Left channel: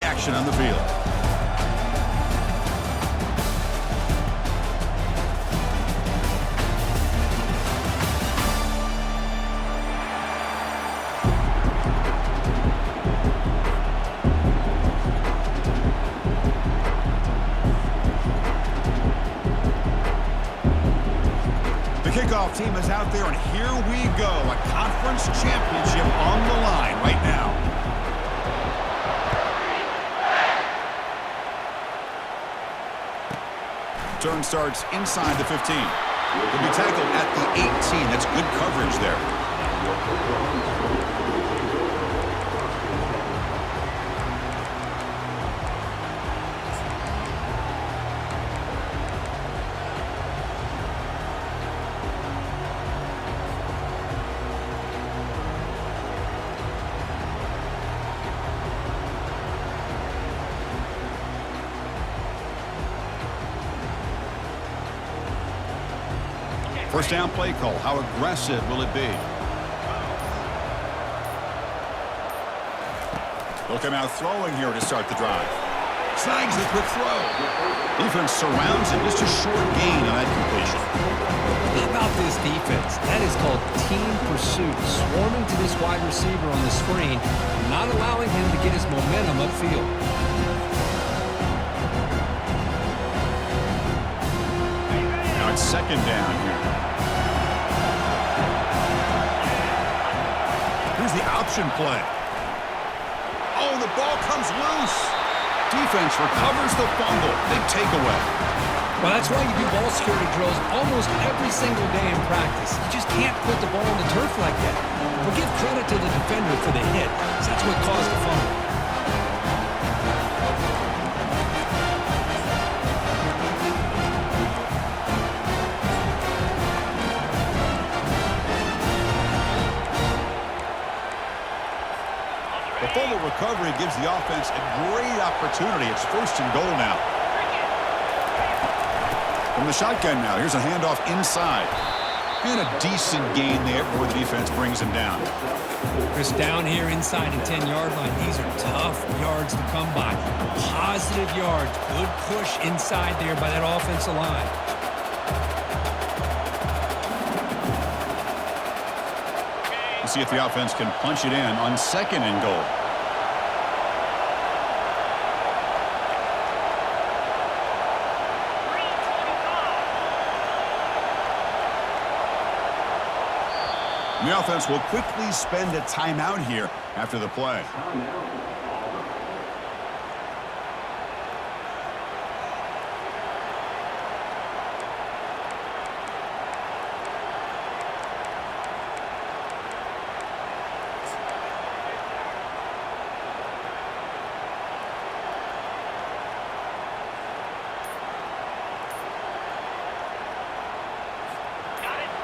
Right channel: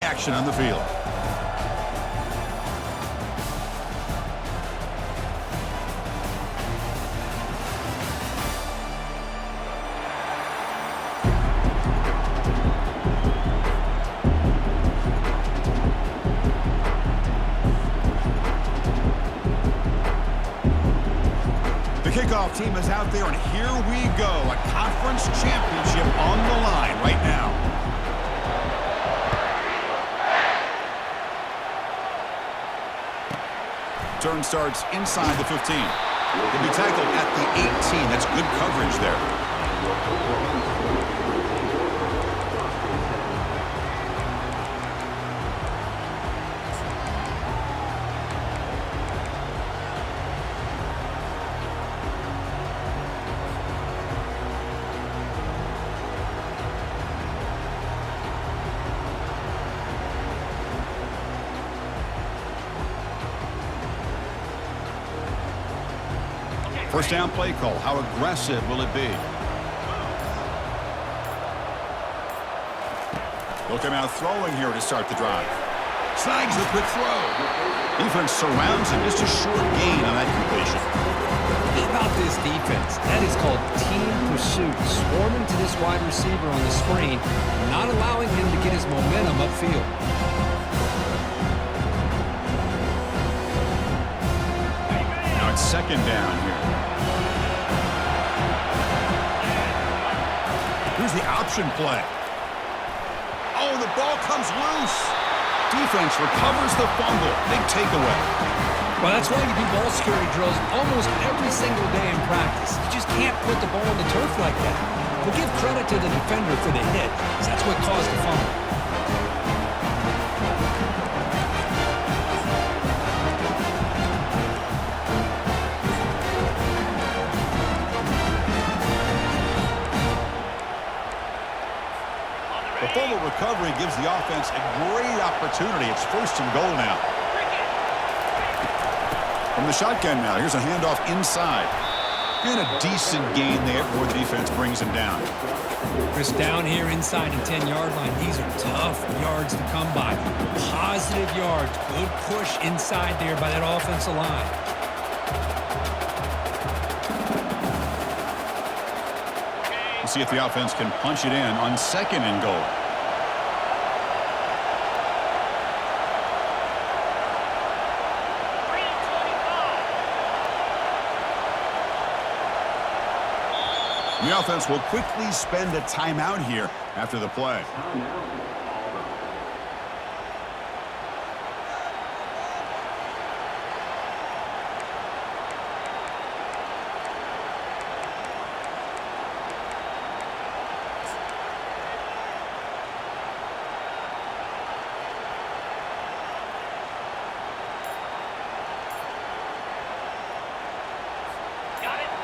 Action on the field. The kickoff team is out there, and here we go. A conference championship on the line right now. Turn starts inside the 15. He'll be tackled at the 18. That's good coverage there. First down play call. How aggressive will it be? They'll come out throwing here to start the drive. Snags the quick throw. Defense surrounds him. Just a short gain on that completion. How about this defense? That is called team pursuit. Swarming to this wide receiver on the screen, not allowing him to get his momentum upfield. Now it's second down here. Here's the option play. Oh, the ball comes loose. Defense recovers the fumble. Big takeaway. Well, that's why you do ball security drills almost every single day in practice. You just can't put the ball on the turf like that. We'll give credit to the defender for the hit, because that's what caused the fumble. The fumble recovery gives the offense a great opportunity. It's first and goal now. From the shotgun now, here's a handoff inside. And a decent gain there before the defense brings him down. Chris, down here inside the 10-yard line, these are tough yards to come by. Positive yards, good push inside there by that offensive line. We'll see if the offense can punch it in on second and goal. The offense will quickly spend a timeout here after the play.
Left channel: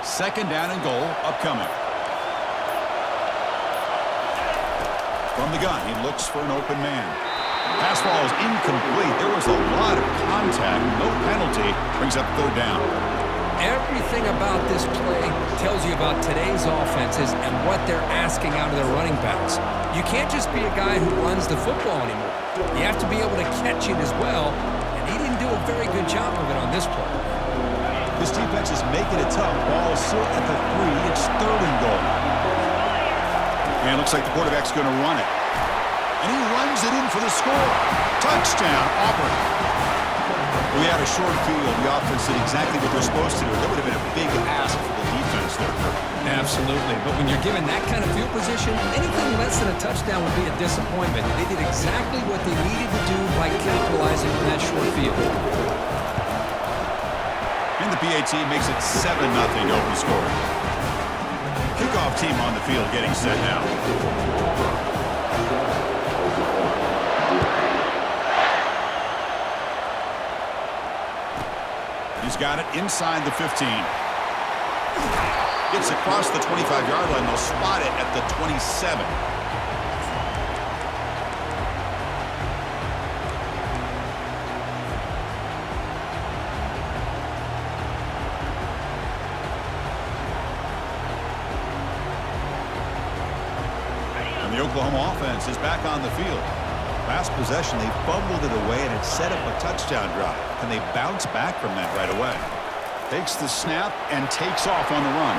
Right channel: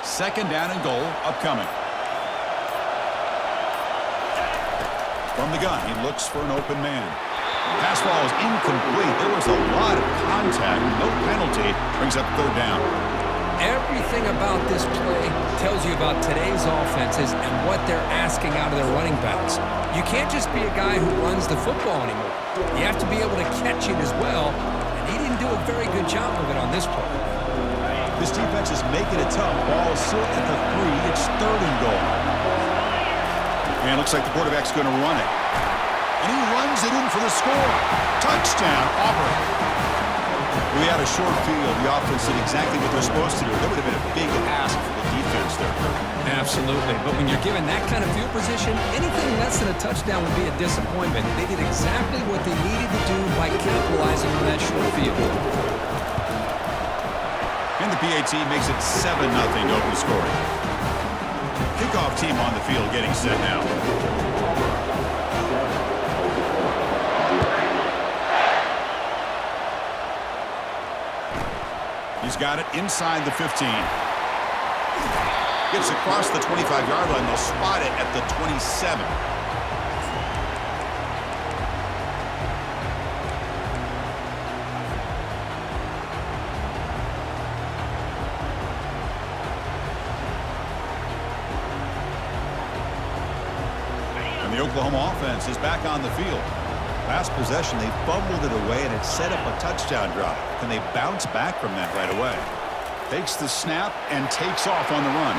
Second down and goal upcoming. From the gun, he looks for an open man. Pass ball is incomplete. There was a lot of contact. No penalty. Brings up third down. Everything about this play tells you about today's offenses and what they're asking out of their running backs. You can't just be a guy who runs the football anymore. You have to be able to catch it as well, and he didn't do a very good job of it on this play. This defense is making it tough. Ball still at the 3. It's third and goal. And it looks like the quarterback's going to run it. And he runs it in for the score. Touchdown, Auburn. We had a short field. The offense did exactly what they're supposed to do. That would have been a big ask for the defense there, Kurt. Absolutely. But when you're given that kind of field position, anything less than a touchdown would be a disappointment. They did exactly what they needed to do by capitalizing on that short field. And the PAT makes it 7-0 open scoring. Kickoff team on the field getting set now. He's got it inside the 15. Gets across the 25-yard line. They'll spot it at the 27. The Oklahoma offense is back on the field. Last possession, they fumbled it away, and it set up a touchdown drive. Can they bounce back from that right away? Takes the snap and takes off on the run.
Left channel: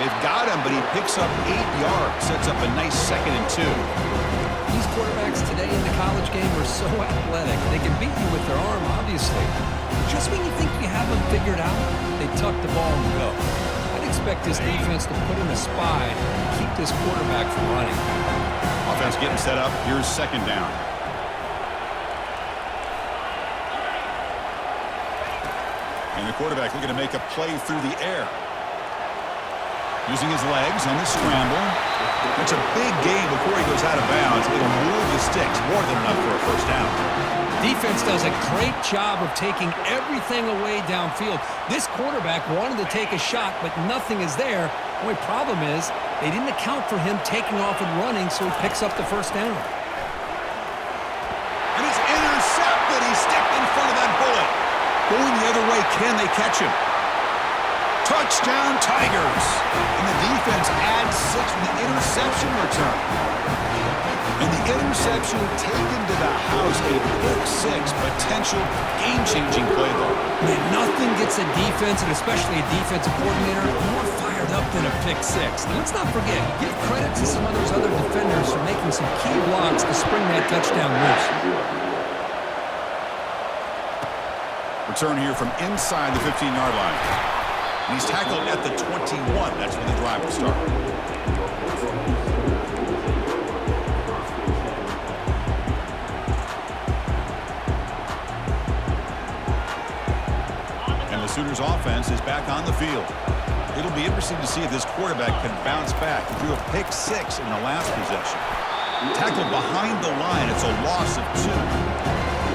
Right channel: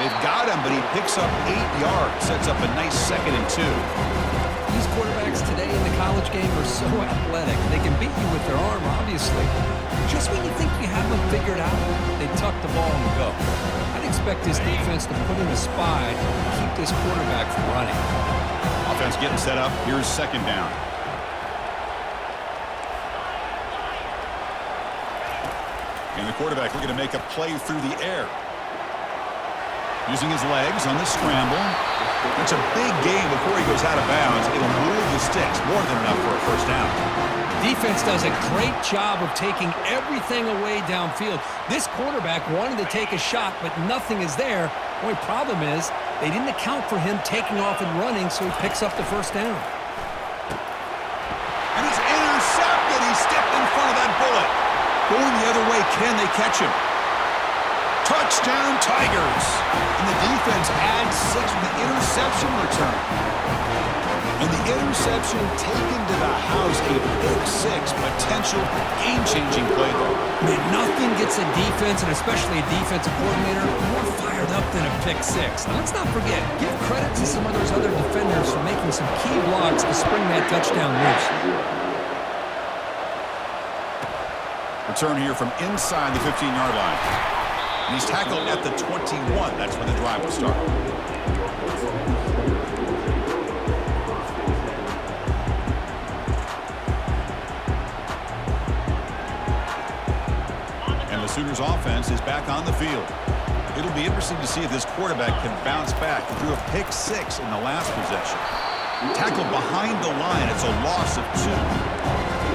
They've got him, but he picks up 8 yards. Sets up a nice 2nd and 2. These quarterbacks today in the college game are so athletic. They can beat you with their arm, obviously. But just when you think you have them figured out, they tuck the ball and go. I'd expect this defense to put in a spy and keep this quarterback from running. Offense getting set up. Here's 2nd down. And the quarterback looking to make a play through the air. Using his legs on the scramble. That's a big gain before he goes out of bounds. It'll move the sticks. More than enough for a 1st down. Defense does a great job of taking everything away downfield. This quarterback wanted to take a shot, but nothing is there. The only problem is they didn't account for him taking off and running, so he picks up the 1st down. And it's intercepted. He stepped in front of that bullet. Going the other way, can they catch him? Touchdown, Tigers. And the defense adds 6 with the interception return. And the interception taken to the house, a pick 6, potential game-changing play though. Man, nothing gets a defense, and especially a defensive coordinator, more fired up than a pick 6. Now, let's not forget, give credit to some of those other defenders for making some key blocks to spring that touchdown loose. Return here from inside the 15-yard line. And he's tackled at the 21. That's where the drive will start. And the Sooners offense is back on the field. It'll be interesting to see if this quarterback can bounce back. He threw a pick 6 in the last possession. Tackled behind the line. It's a loss of 2.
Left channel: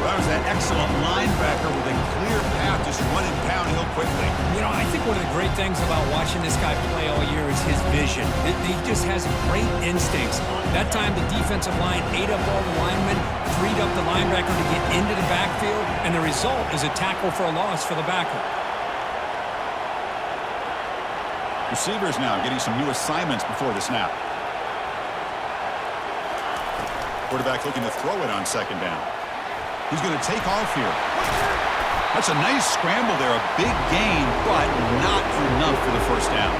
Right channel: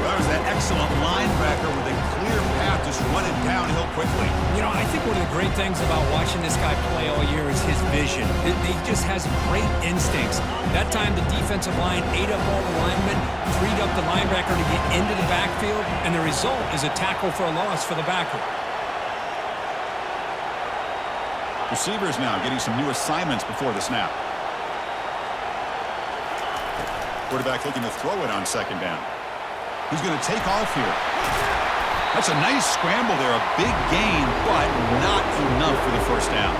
That was that excellent linebacker with a clear path just running downhill quickly. You know, I think one of the great things about watching this guy play all year is his vision. He just has great instincts. That time the defensive line ate up all the linemen, freed up the linebacker to get into the backfield, and the result is a tackle for a loss for the backer. Receivers now getting some new assignments before the snap. Quarterback looking to throw it on 2nd down. He's going to take off here. That's a nice scramble there. A big gain, but not enough for the 1st down.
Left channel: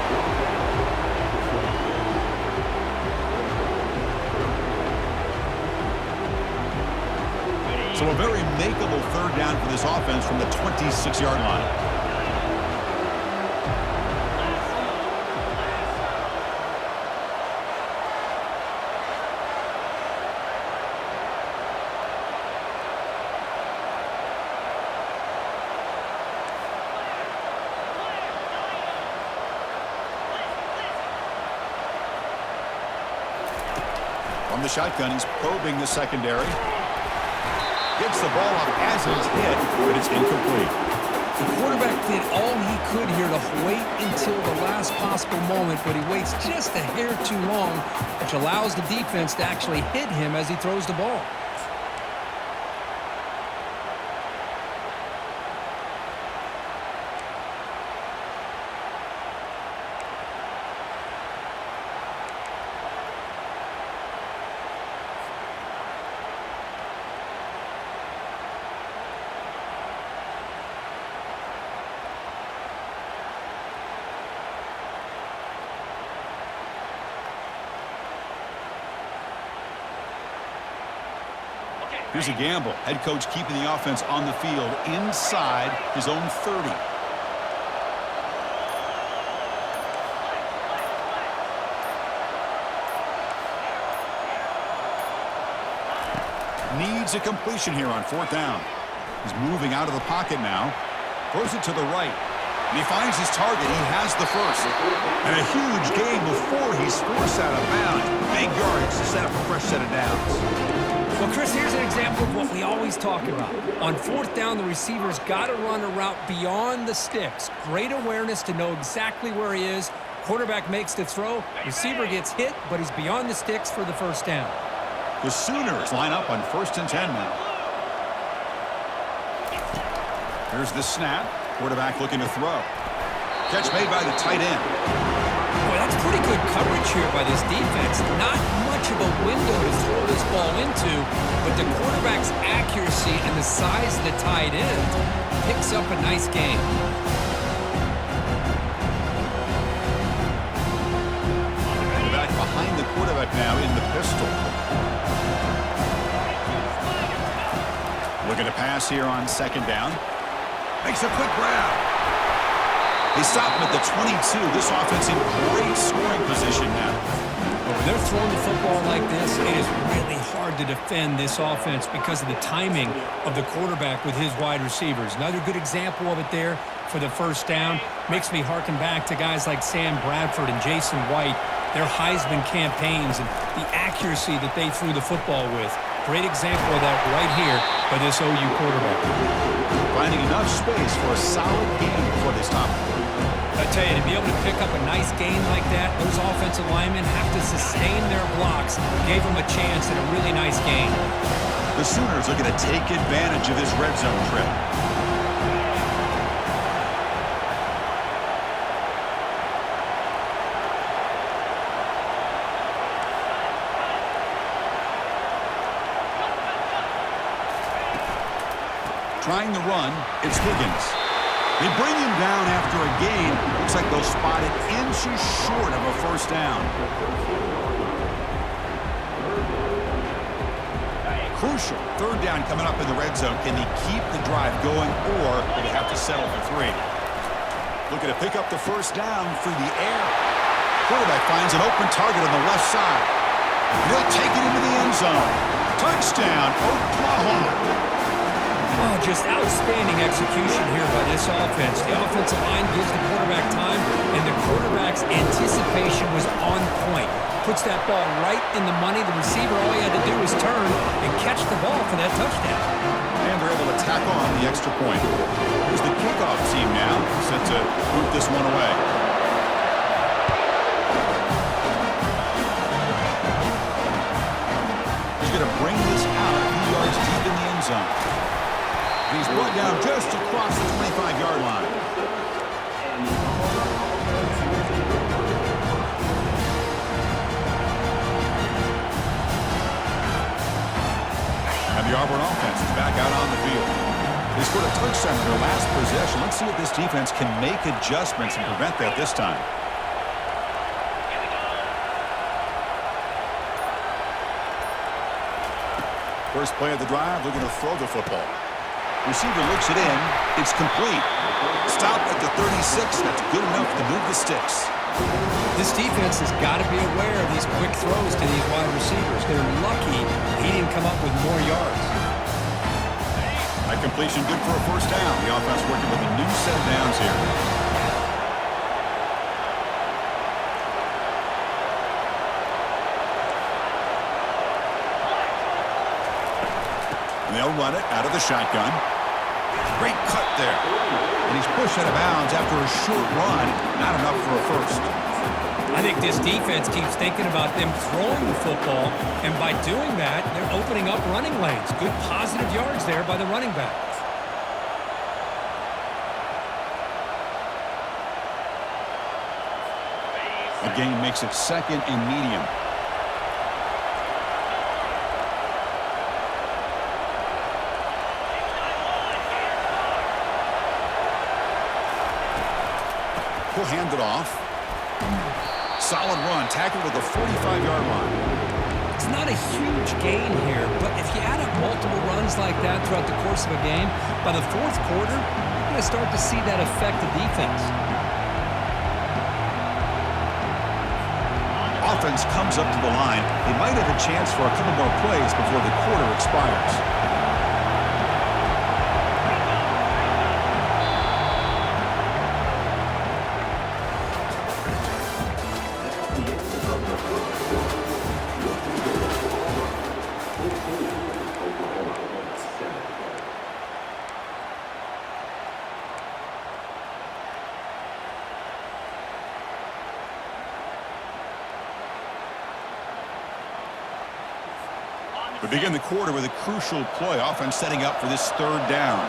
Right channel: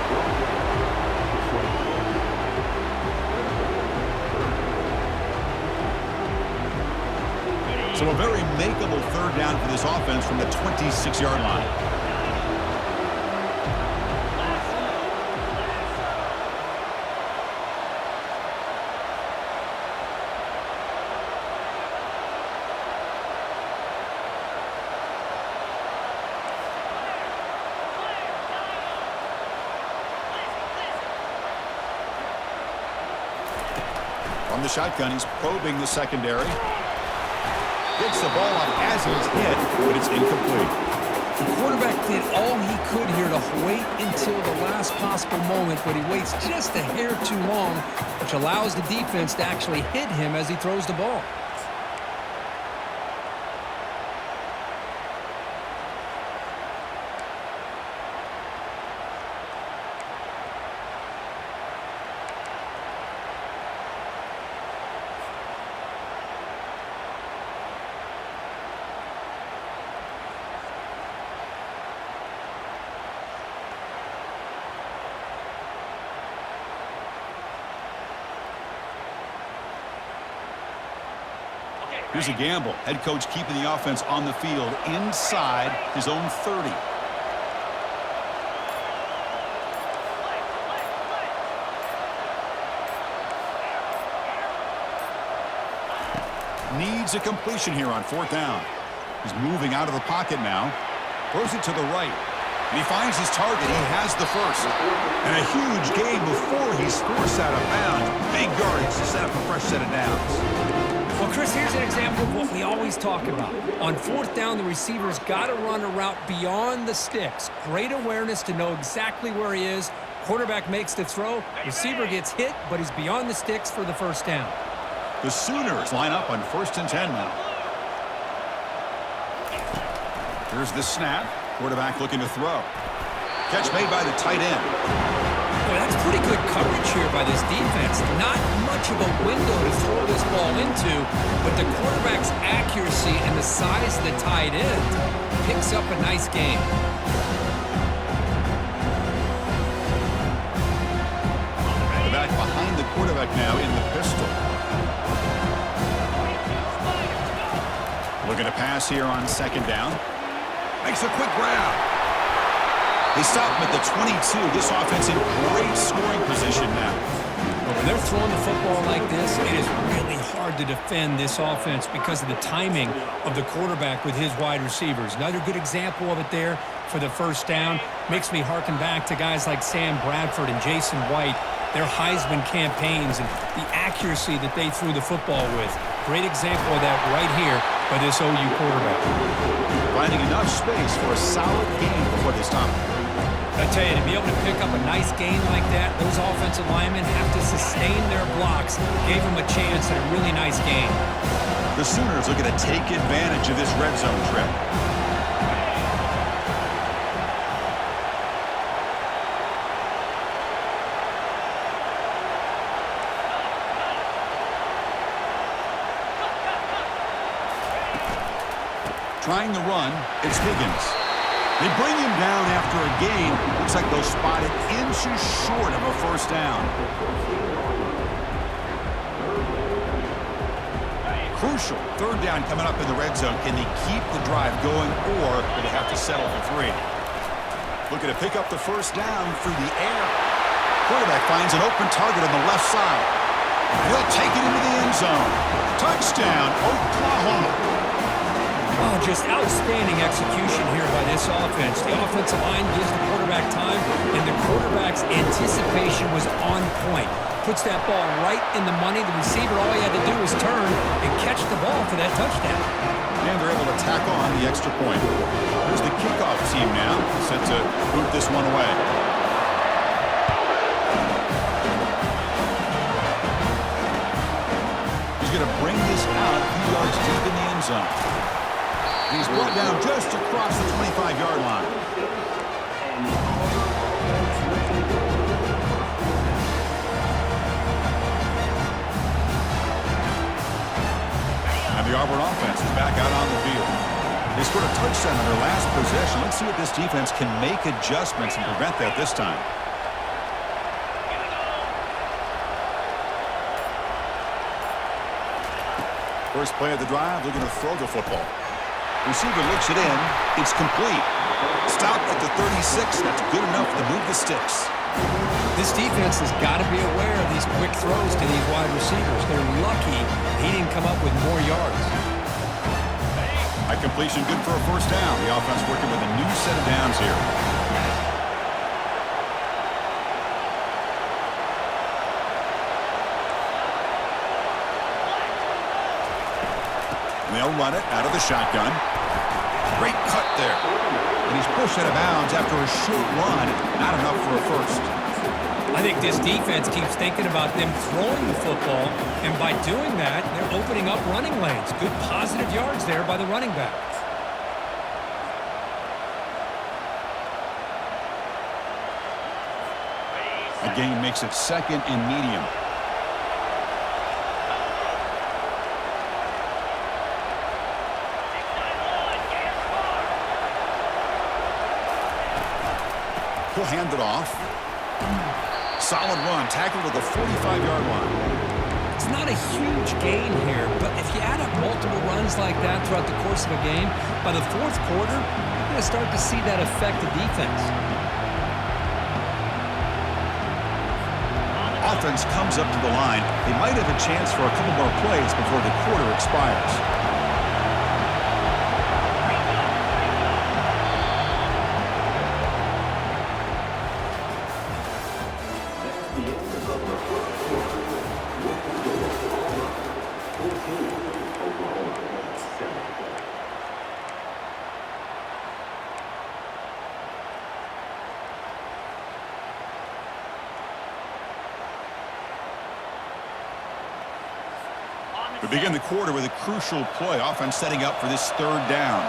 So a very makeable 3rd down for this offense from the 26-yard line. From the shotgun, he's probing the secondary. Gets the ball up as he's hit, but it's incomplete. The quarterback did all he could here to wait until the last possible moment, but he waits just a hair too long, which allows the defense to actually hit him as he throws the ball. Here's a gamble. Head coach keeping the offense on the field inside his own 30. Needs a completion here on 4th down. He's moving out of the pocket now. Throws it to the right. And he finds his target. He has the 1st. And a huge gain before he's forced out of bounds. Big yardage to set up a fresh set of downs. Well, Chris, here's an example of what we always talk about. On 4th down, the receiver's got to run a route beyond the sticks. Great awareness to know exactly where he is. Quarterback makes the throw. Receiver gets hit, but he's beyond the sticks for the 1st down. The Sooners line up on 1st and 10 now. Here's the snap. Quarterback looking to throw. Catch made by the tight end. Boy, That's pretty good coverage here by this defense. Not much of a window to throw this ball into, but the quarterback's accuracy and the size of the tight end picks up a nice gain. The back behind the quarterback now in the pistol. Looking to pass here on second down. Makes a quick grab. They stop him at the 22. This offense in great scoring position now. But when they're throwing the football like this, it is really hard to defend this offense because of the timing of the quarterback with his wide receivers. Another good example of it there for the first down. Makes me harken back to guys like Sam Bradford and Jason White, their Heisman campaigns and the accuracy that they threw the football with. Great example of that right here by this OU quarterback. Finding enough space for a solid gain before they stop him. I tell you, to be able to pick up a nice gain like that, those offensive linemen have to sustain their blocks. Gave them a chance at a really nice gain. The Sooners looking to take advantage of this red zone trip. Trying the run, it's Higgins. They bring him down after a gain. Looks like they'll spot it inches short of a first down. Crucial. Third down coming up in the red zone. Can they keep the drive going, or will they have to settle for 3? Looking to pick up the first down through the air. Quarterback finds an open target on the left side. And he'll take it into the end zone. Touchdown, Oklahoma. Oh, just outstanding execution here by this offense. The offensive line gives the quarterback time, and the quarterback's anticipation was on point. Puts that ball right in the money. The receiver, all he had to do was turn and catch the ball for that touchdown. And they're able to tack on the extra point. Here's the kickoff team now, set to boot this one away. He's going to bring this out a few yards deep in the end zone. And he's brought down just across the 25-yard line. And the Auburn offense is back out on the field. They scored a touchdown on their last possession. Let's see if this defense can make adjustments and prevent that this time. First play of the drive, looking to throw the football. Receiver looks it in. It's complete. Stop at the 36. That's good enough to move the sticks. This defense has got to be aware of these quick throws to these wide receivers. They're lucky he didn't come up with more yards. A completion good for a first down. The offense working with a new set of downs here. And they'll run it out of the shotgun. Great cut there. And he's pushed out of bounds after a short run. Not enough for a first. I think this defense keeps thinking about them throwing the football, and by doing that, they're opening up running lanes. Good positive yards there by the running back. A gain makes it second and medium. He'll hand it off. Solid run, tackled at the 45-yard line. It's not a huge gain here, but if you add up multiple runs like that throughout the course of a game, by the fourth quarter, you're going to start to see that affect the defense. Offense comes up to the line. They might have a chance for a couple more plays before the quarter expires. We begin the quarter with a crucial play. Offense setting up for this third down.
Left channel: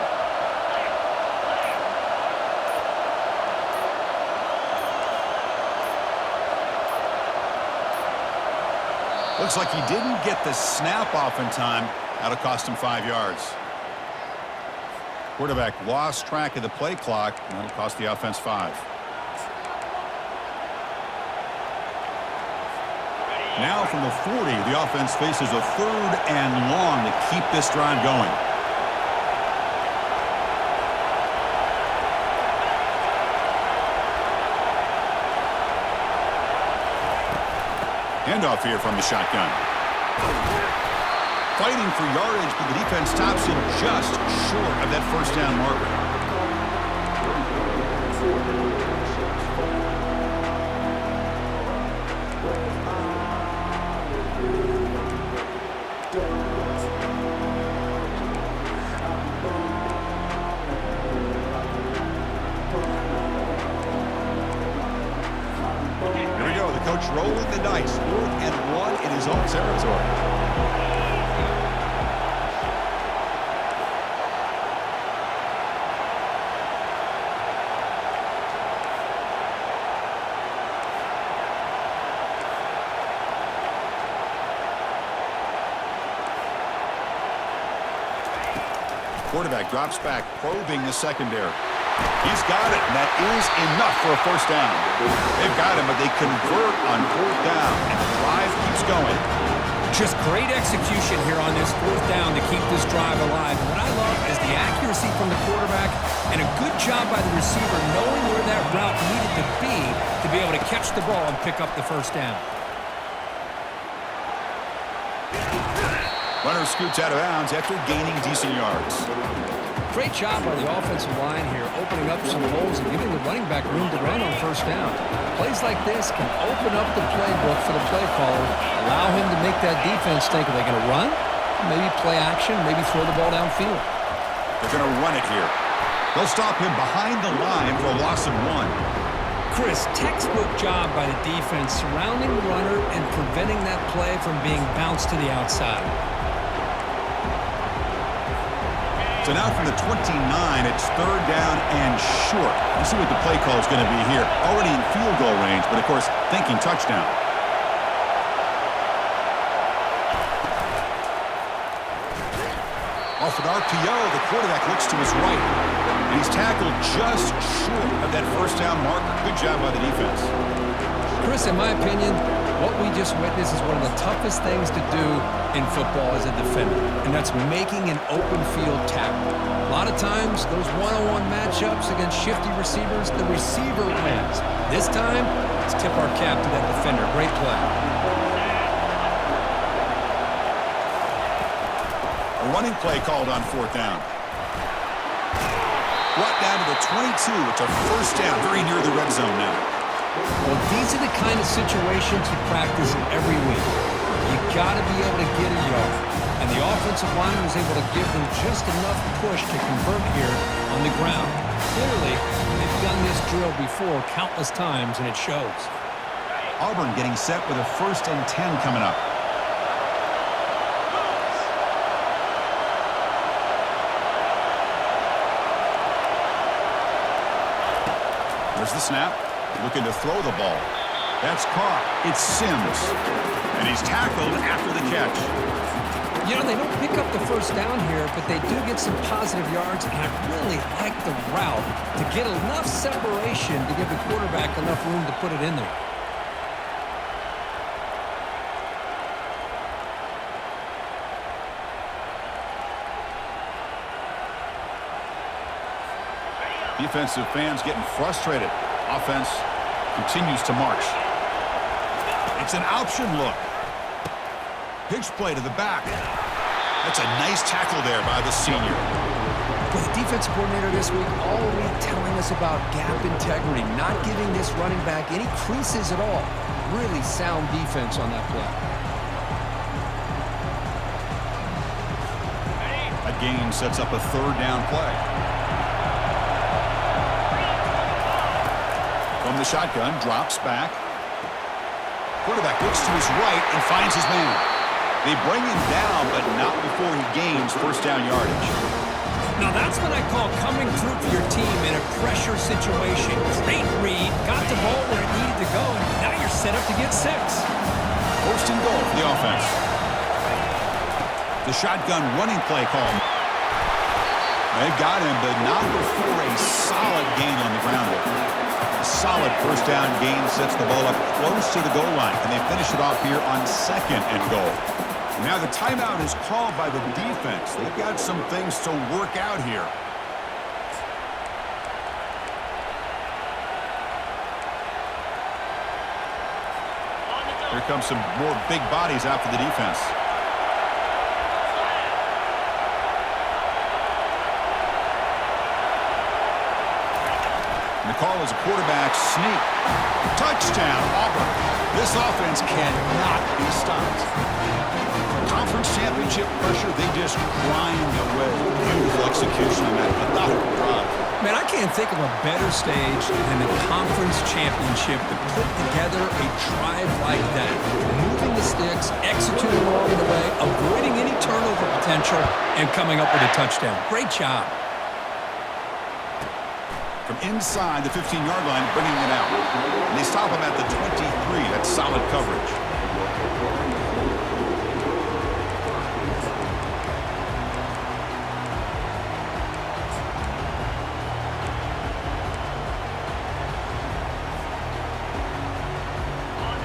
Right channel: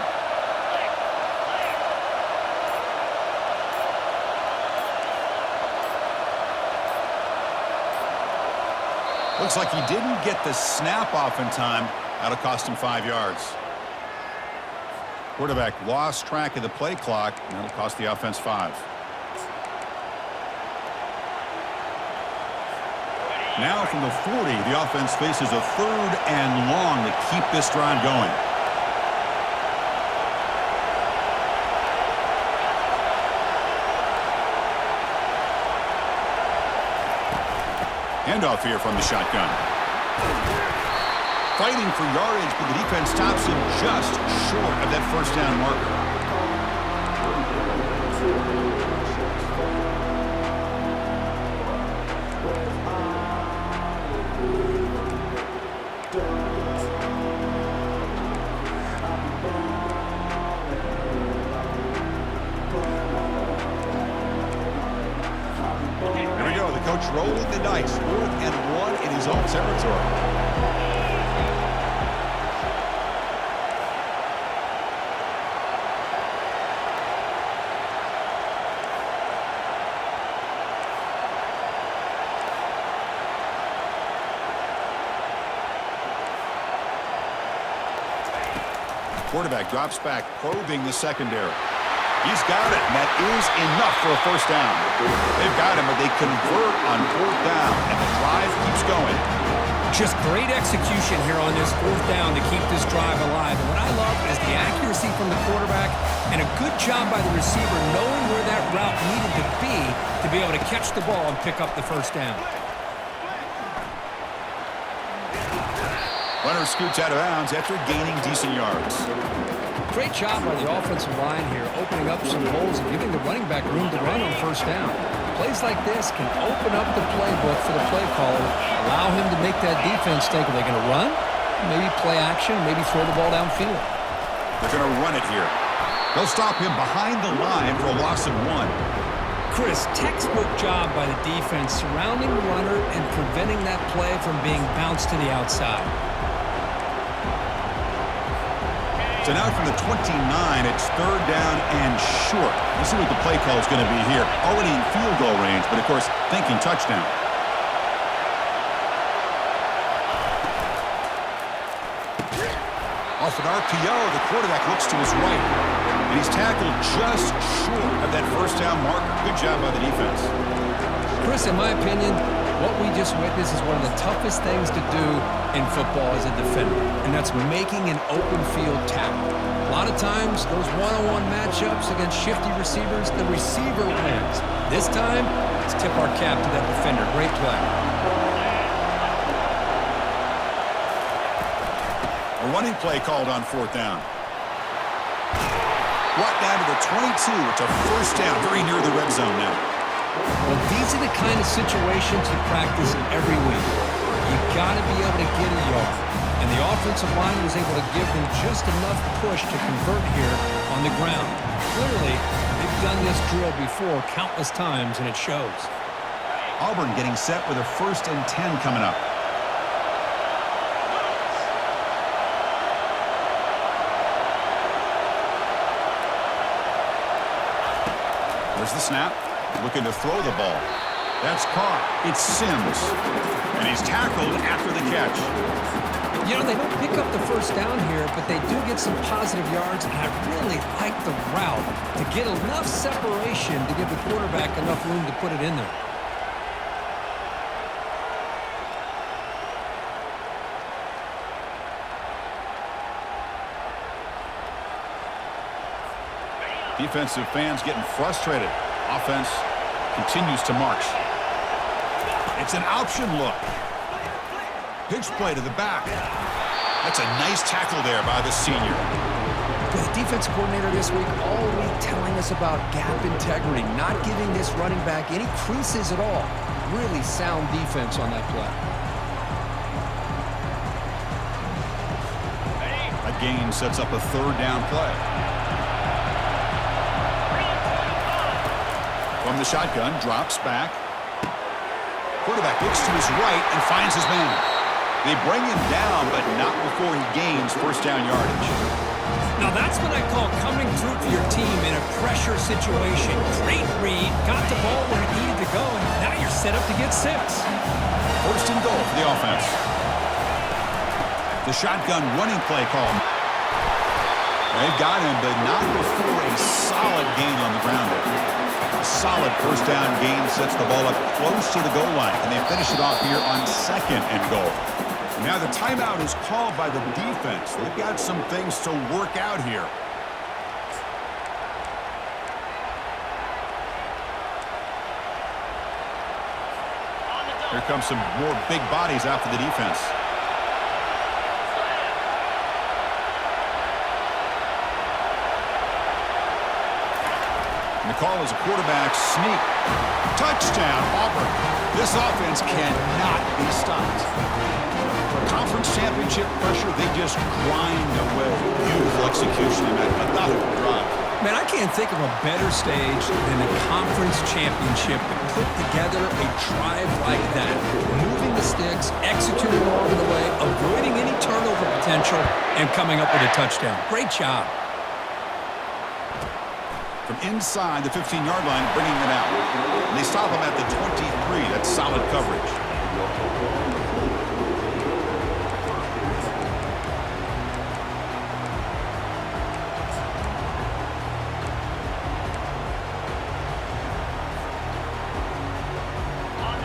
Looks like he didn't get the snap off in time. That'll cost him 5 yards. Quarterback lost track of the play clock, and that'll cost the offense 5. Now from the 40, the offense faces a 3rd and long to keep this drive going. Handoff here from the shotgun. Fighting for yardage, but the defense stops him just short of that first down marker. Coach rolling the dice. 4th and 1 in his own territory. Quarterback drops back, probing the secondary. He's got it, and that is enough for a first down. They've got him, but they convert on 4th down, and the drive keeps going. Just great execution here on this 4th down to keep this drive alive. And what I love is the accuracy from the quarterback and a good job by the receiver knowing where that route needed to be able to catch the ball and pick up the first down. Runner scoots out of bounds after gaining decent yards. Great job by the offensive line here, opening up some holes and giving the running back room to run on first down. Plays like this can open up the playbook for the play caller, allow him to make that defense think, are they going to run? Maybe play action, maybe throw the ball downfield. They're going to run it here. They'll stop him behind the line for a loss of 1. Chris, textbook job by the defense surrounding the runner and preventing that play from being bounced to the outside. So now from the 29, it's 3rd down and short. Let's see what the play call is going to be here. Already in field goal range, but of course, thinking touchdown. Off an RPO, the quarterback looks to his right. And he's tackled just short of that first down marker. Good job by the defense. Chris, in my opinion, what we just witnessed is one of the toughest things to do in football as a defender, and that's making an open field tackle. A lot of times, those one-on-one matchups against shifty receivers, the receiver wins. This time, let's tip our cap to that defender. Great play. A running play called on 4th down. Brought down to the 22. It's a first down, very near the red zone now. Well, these are the kind of situations you practice every week. You got to be able to get a yard. And the offensive line was able to give them just enough push to convert here on the ground. Clearly, they've done this drill before countless times, and it shows. Auburn getting set with a 1st and 10 coming up. There's the snap. Looking to throw the ball. That's caught. It's Sims. And he's tackled after the catch. You know, they don't pick up the first down here, but they do get some positive yards, and I really like the route to get enough separation to give the quarterback enough room to put it in there. Defensive fans getting frustrated. Offense continues to march. It's an option look. Pitch play to the back. That's a nice tackle there by the senior. But the defensive coordinator this week all week telling us about gap integrity, not giving this running back any creases at all. Really sound defense on that play. That gain sets up a 3rd down play. From the shotgun, drops back. Quarterback looks to his right and finds his man. They bring him down, but not before he gains first down yardage. Now that's what I call coming through for your team in a pressure situation. Great read, got the ball where it needed to go, and now you're set up to get 6. First and goal for the offense. The shotgun running play call. They've got him, but not before a solid gain on the ground there. A solid first down gain sets the ball up close to the goal line, and they finish it off here on second and goal. Now the timeout is called by the defense. They've got some things to work out here. Here comes some more big bodies after the defense. And the call is a quarterback sneak. Touchdown, Auburn. This offense cannot be stopped. Conference championship pressure, they just grind away. Beautiful execution in that methodical drive. Man, I can't think of a better stage than the conference championship to put together a drive like that. Moving the sticks, executing along the way, avoiding any turnover potential, and coming up with a touchdown. Great job. From inside the 15-yard line, bringing it out. And they stop him at the 23. That's solid coverage.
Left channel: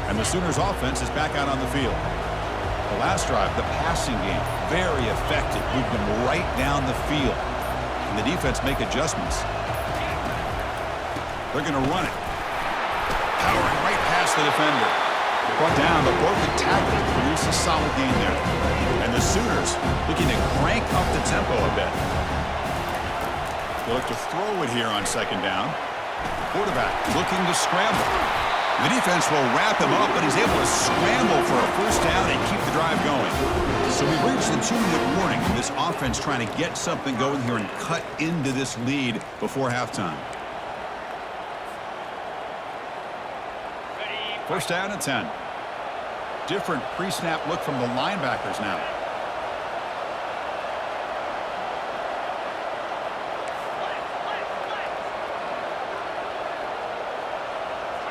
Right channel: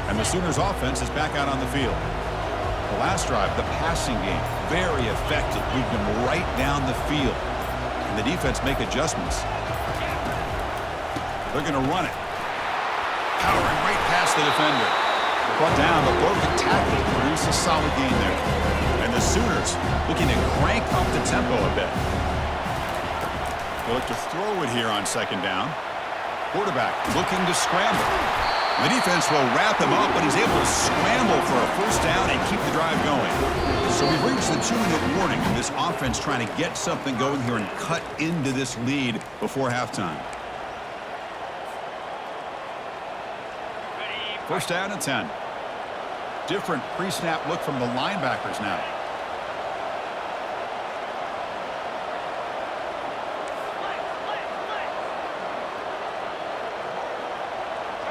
And the Sooners offense is back out on the field. The last drive, the passing game, very effective. Moved them right down the field. And the defense make adjustments. They're going to run it. Powering right past the defender. Brought down, but broken tackle to produce a solid gain there. And the Sooners looking to crank up the tempo a bit. They look to throw it here on second down. Quarterback looking to scramble. The defense will wrap him up, but he's able to scramble for a first down and keep the drive going. So we've reached the 2-minute warning, and this offense trying to get something going here and cut into this lead before halftime. First down and 10. Different pre-snap look from the linebackers now.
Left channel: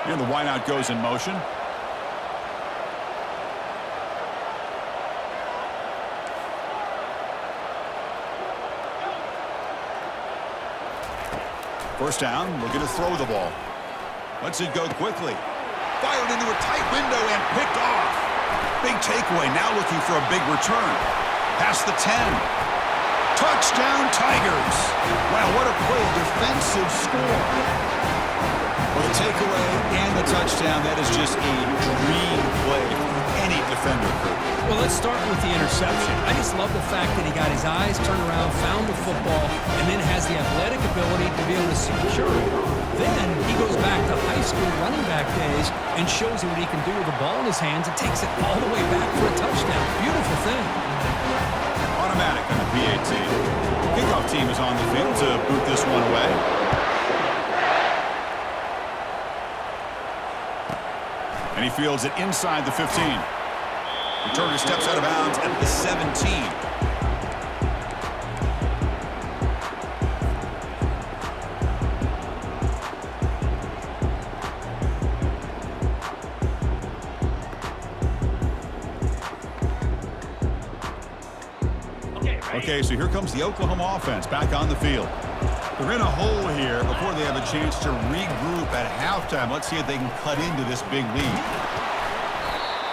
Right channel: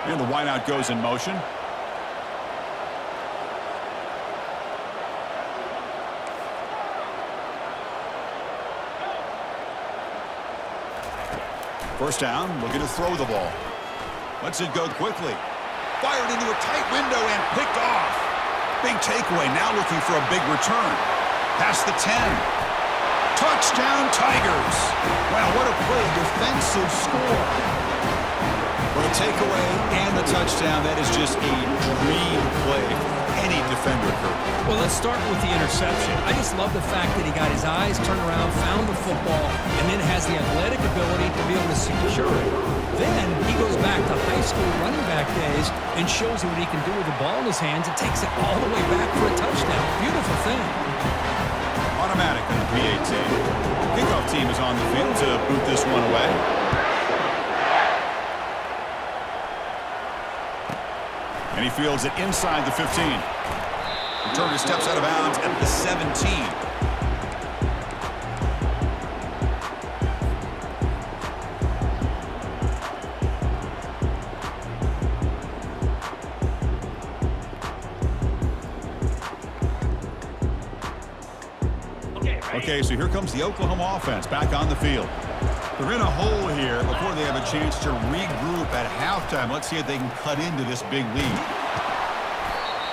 And the wideout goes in motion. First down, looking to throw the ball. Lets it go quickly. Fired into a tight window and picked off. Big takeaway, now looking for a big return. Past the 10. Touchdown, Tigers. Wow, what a play, a defensive score. Well, the takeaway and the touchdown, that is just a dream play for any defender, Kurt. Well, let's start with the interception. I just love the fact that he got his eyes turned around, found the football, and then has the athletic ability to be able to secure it. Then he goes back to high school running back days and shows you what he can do with the ball in his hands and takes it all the way back for a touchdown. Beautiful thing. Automatic on the PAT. Kickoff team is on the field to boot this one away. And he fields it inside the 15. Returner steps out of bounds at the 17. Okay, so here comes the Oklahoma offense back on the field. They're in a hole here before they have a chance to regroup at halftime. Let's see if they can cut into this big lead.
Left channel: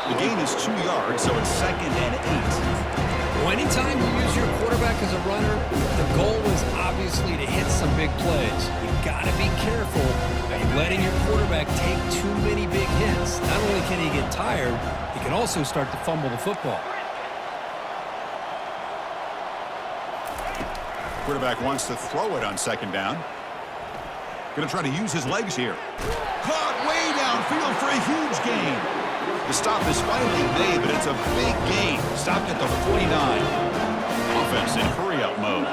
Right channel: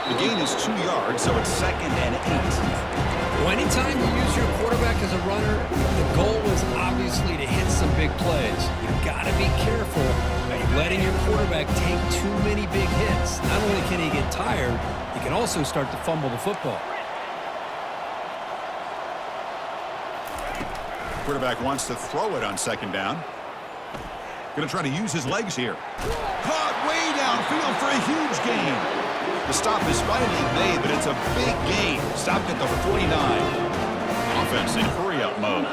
The gain is 2 yards, so it's 2nd and 8. Well, anytime you use your quarterback as a runner, the goal is obviously to hit some big plays. You've got to be careful of letting your quarterback take too many big hits. Not only can he get tired, he can also start to fumble the football. Quarterback wants to throw it on second down. Going to try to use his legs here. Caught way downfield for a huge gain. The stop is finally made, but it's a big gain. Stopped at the 49. Offense in hurry-up mode.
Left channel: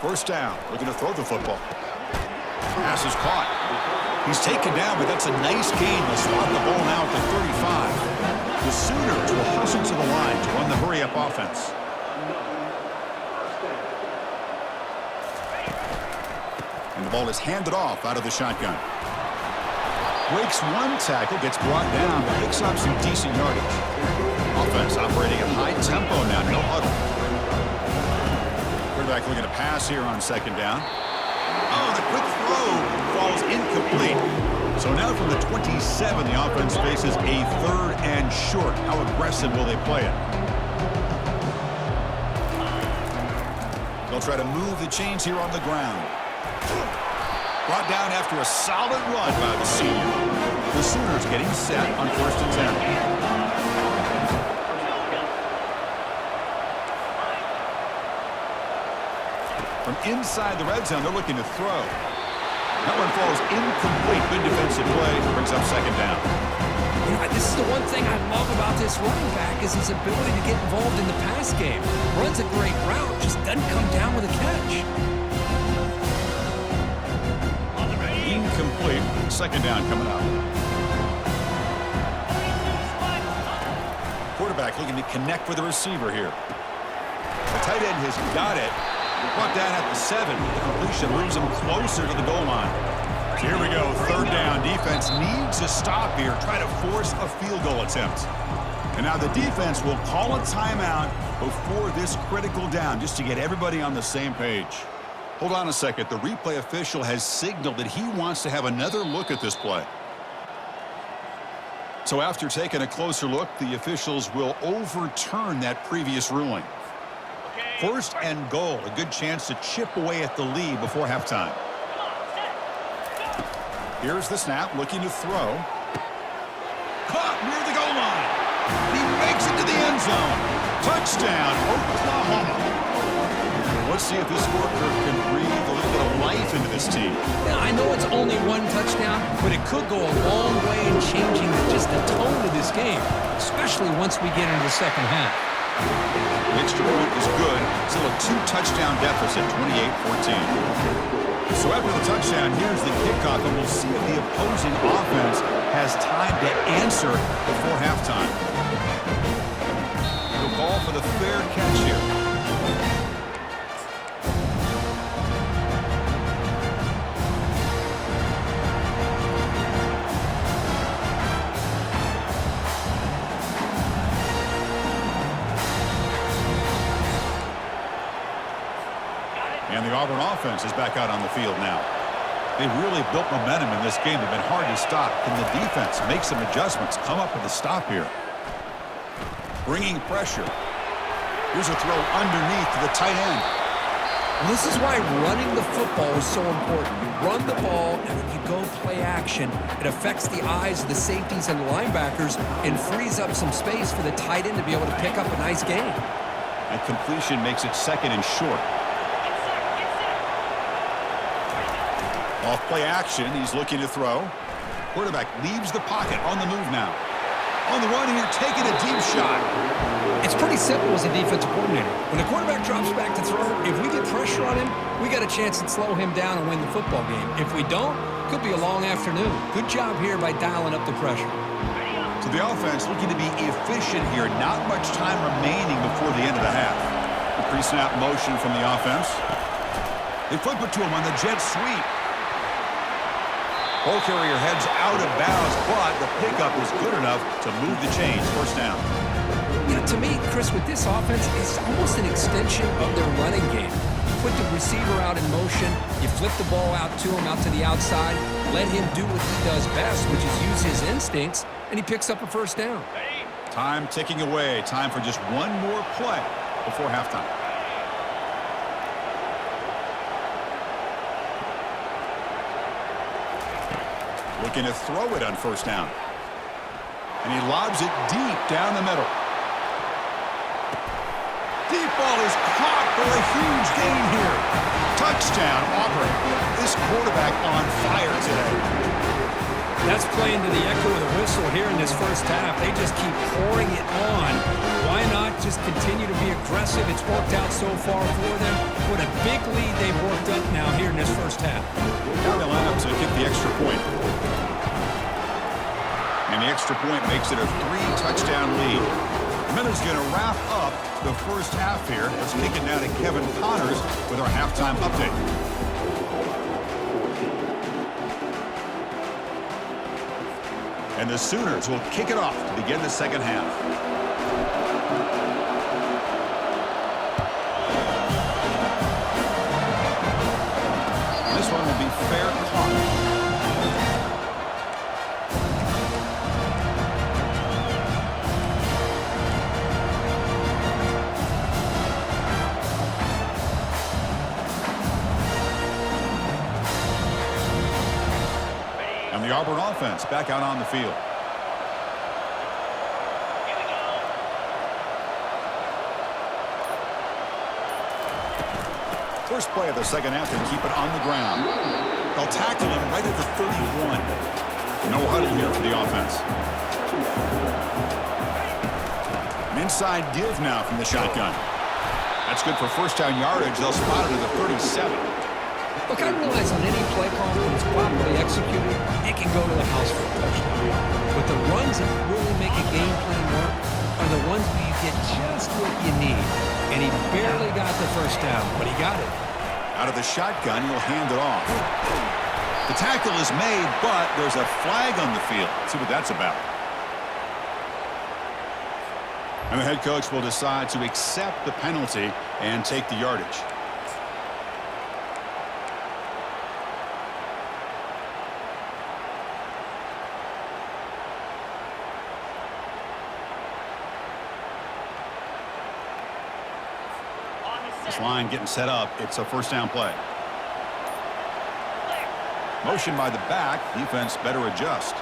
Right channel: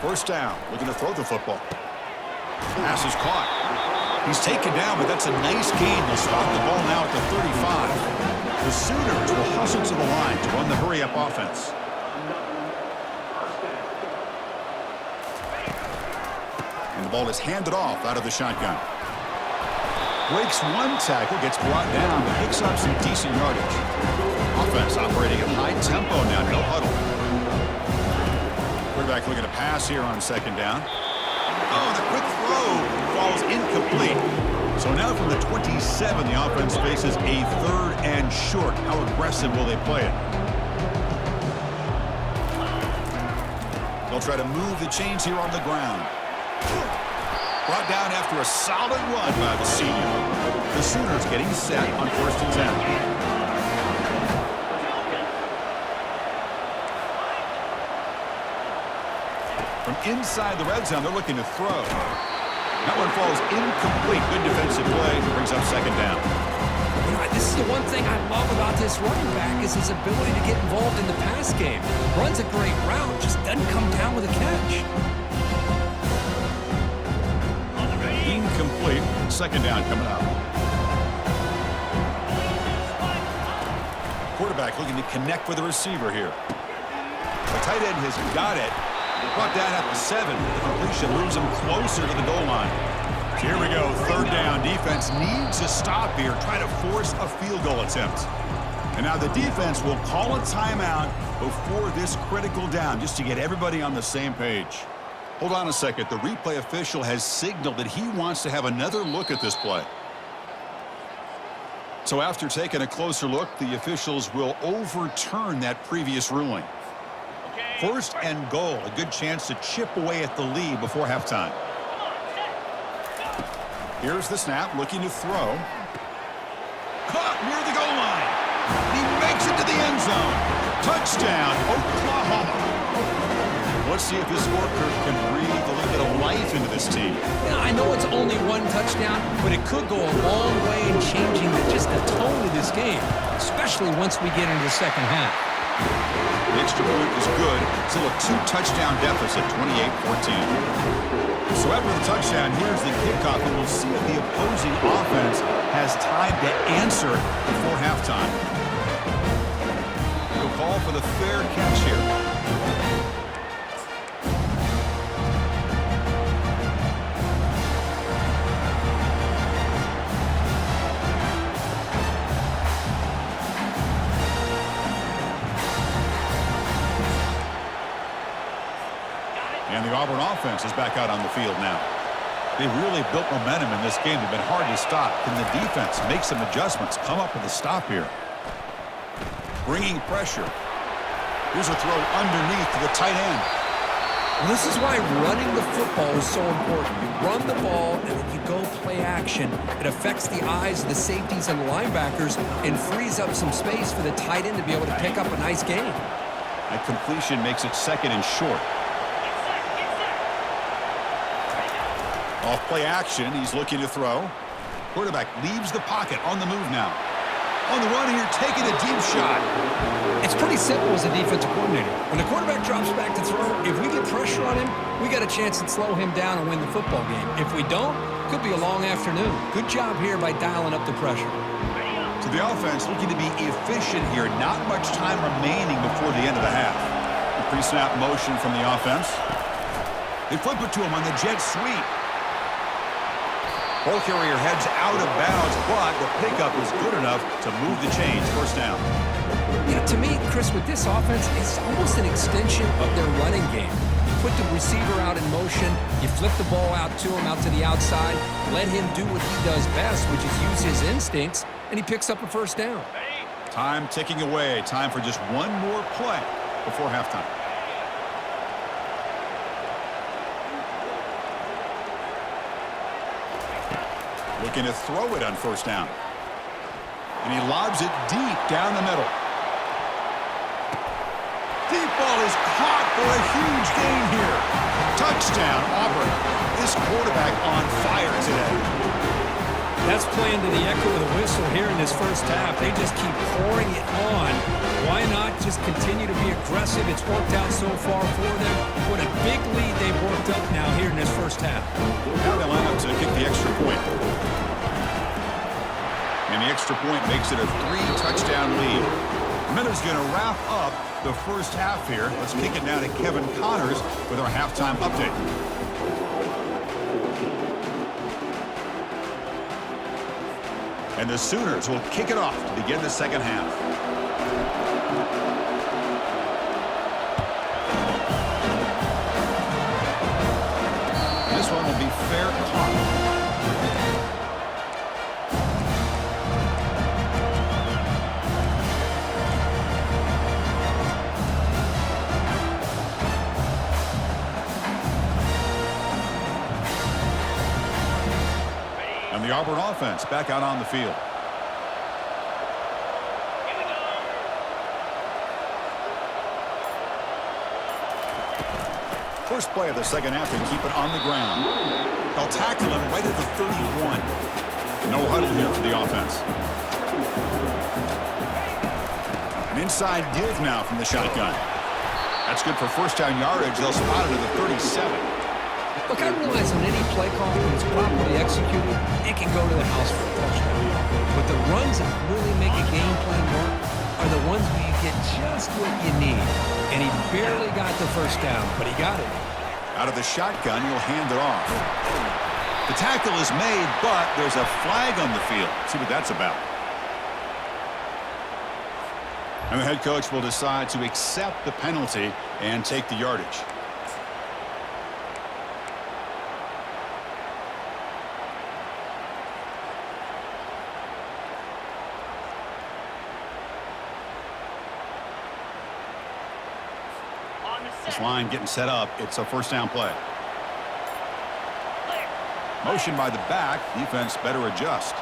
First down, looking to throw the football. Pass is caught. He's taken down, but that's a nice gain. They'll spot the ball now at the 35. The Sooners will hustle to the line to run the hurry-up offense. And And the ball is handed off out of the shotgun. Breaks one tackle, gets brought down, but picks up some decent yardage. Offense operating at high tempo now, no huddle. Quarterback looking to pass here on second down. Oh, the quick throw falls incomplete. So now from the 27, the offense faces a 3rd and short. How aggressive will they play it? They'll try to move the chains here on the ground. Brought down after a solid run by the senior. The Sooners getting set on 1st and 10. From inside the red zone, they're looking to throw. That one falls incomplete. Good defensive play. Brings up second down. You know, this is the one thing I love about this running back is his ability to get involved in the pass game. Runs a great route, just doesn't come down with a catch. Incomplete. Second down coming up. Quarterback looking to connect with the receiver here. The tight end has got it. Brought down at the 7. The completion moves him closer to the goal line. So here we go. 3rd down. Defense needs to stop here. Try to force a field goal attempt. And now the defense will call a timeout before this critical down just to get everybody on the same page. Hold on a second. The replay official has signaled that he wants to have another look at this play. So after taking a closer look, the officials will overturn that previous ruling. 1st and goal. A good chance to chip away at the lead before halftime. Here's the snap. Looking to throw. Caught near the goal line. He makes it to the end zone. Touchdown, Oklahoma. Let's see if this scorecard can breathe a little bit of life into this team. Yeah, I know it's only one touchdown, but it could go a long way in changing just the tone of this game, especially once we get into the second half. The extra point is good. Still a 2-touchdown deficit, 28-14. So after the touchdown, here's the kickoff, and we'll see if the opposing offense has time to answer before halftime. He'll call for the fair catch here. And the Auburn offense is back out on the field now. They've really built momentum in this game. They've been hard to stop. Can the defense make some adjustments, come up with a stop here? Bringing pressure. Here's a throw underneath to the tight end. Well, this is why running the football is so important. You run the ball, and then you go play action. It affects the eyes of the safeties and the linebackers and frees up some space for the tight end to be able to pick up a nice gain. That completion makes it 2nd and short. Off play action, he's looking to throw. Quarterback leaves the pocket on the move now. On the run here, taking a deep shot. It's pretty simple as a defensive coordinator. When the quarterback drops back to throw, if we get pressure on him, we got a chance to slow him down and win the football game. If we don't, could be a long afternoon. Good job here by dialing up the pressure. So the offense looking to be efficient here. Not much time remaining before the end of the half. The pre-snap motion from the offense. They flip it to him on the jet sweep. Ball carrier heads out of bounds, but the pickup is good enough to move the chains. 1st down. You know, to me, Chris, with this offense, it's almost an extension of their running game. You put the receiver out in motion, you flip the ball out to him, out to the outside, let him do what he does best, which is use his instincts, and he picks up a 1st down. Time ticking away. Time for just one more play before halftime. Looking to throw it on 1st down. And he lobs it deep down the middle. Deep ball is caught for a huge gain here. Touchdown, Auburn. This quarterback on fire today. That's playing to the echo of the whistle here in this first half. They just keep pouring it on. Why not just continue to be aggressive? It's worked out so far for them. What a big lead they've worked up now here in this first half. Now they line up to kick the extra point. And the extra point makes it a 3-touchdown lead. Miller's going to wrap up the first half here. Let's kick it now to Kevin Connors with our halftime update. And the Sooners will kick it off to begin the second half. This one will be fair caught. And the Auburn offense back out on the field. Here we go. First play of the second half, they keep it on the ground. They'll tackle him right at the 31. No huddle here for the offense. An inside give now from the shotgun. That's good for first down yardage. They'll spot it at the 37. Look, I realize on any play call, when it's properly executed, it can go to the house for a touchdown. But the runs that really make a game plan work are the ones where you get just what you need. And he barely got the first down, but he got it. Out of the shotgun, he'll hand it off. The tackle is made, but there's a flag on the field. See what that's about. And the head coach will decide to accept the penalty and take the yardage. This line getting set up. It's a first down play. Motion by the back. Defense better adjust.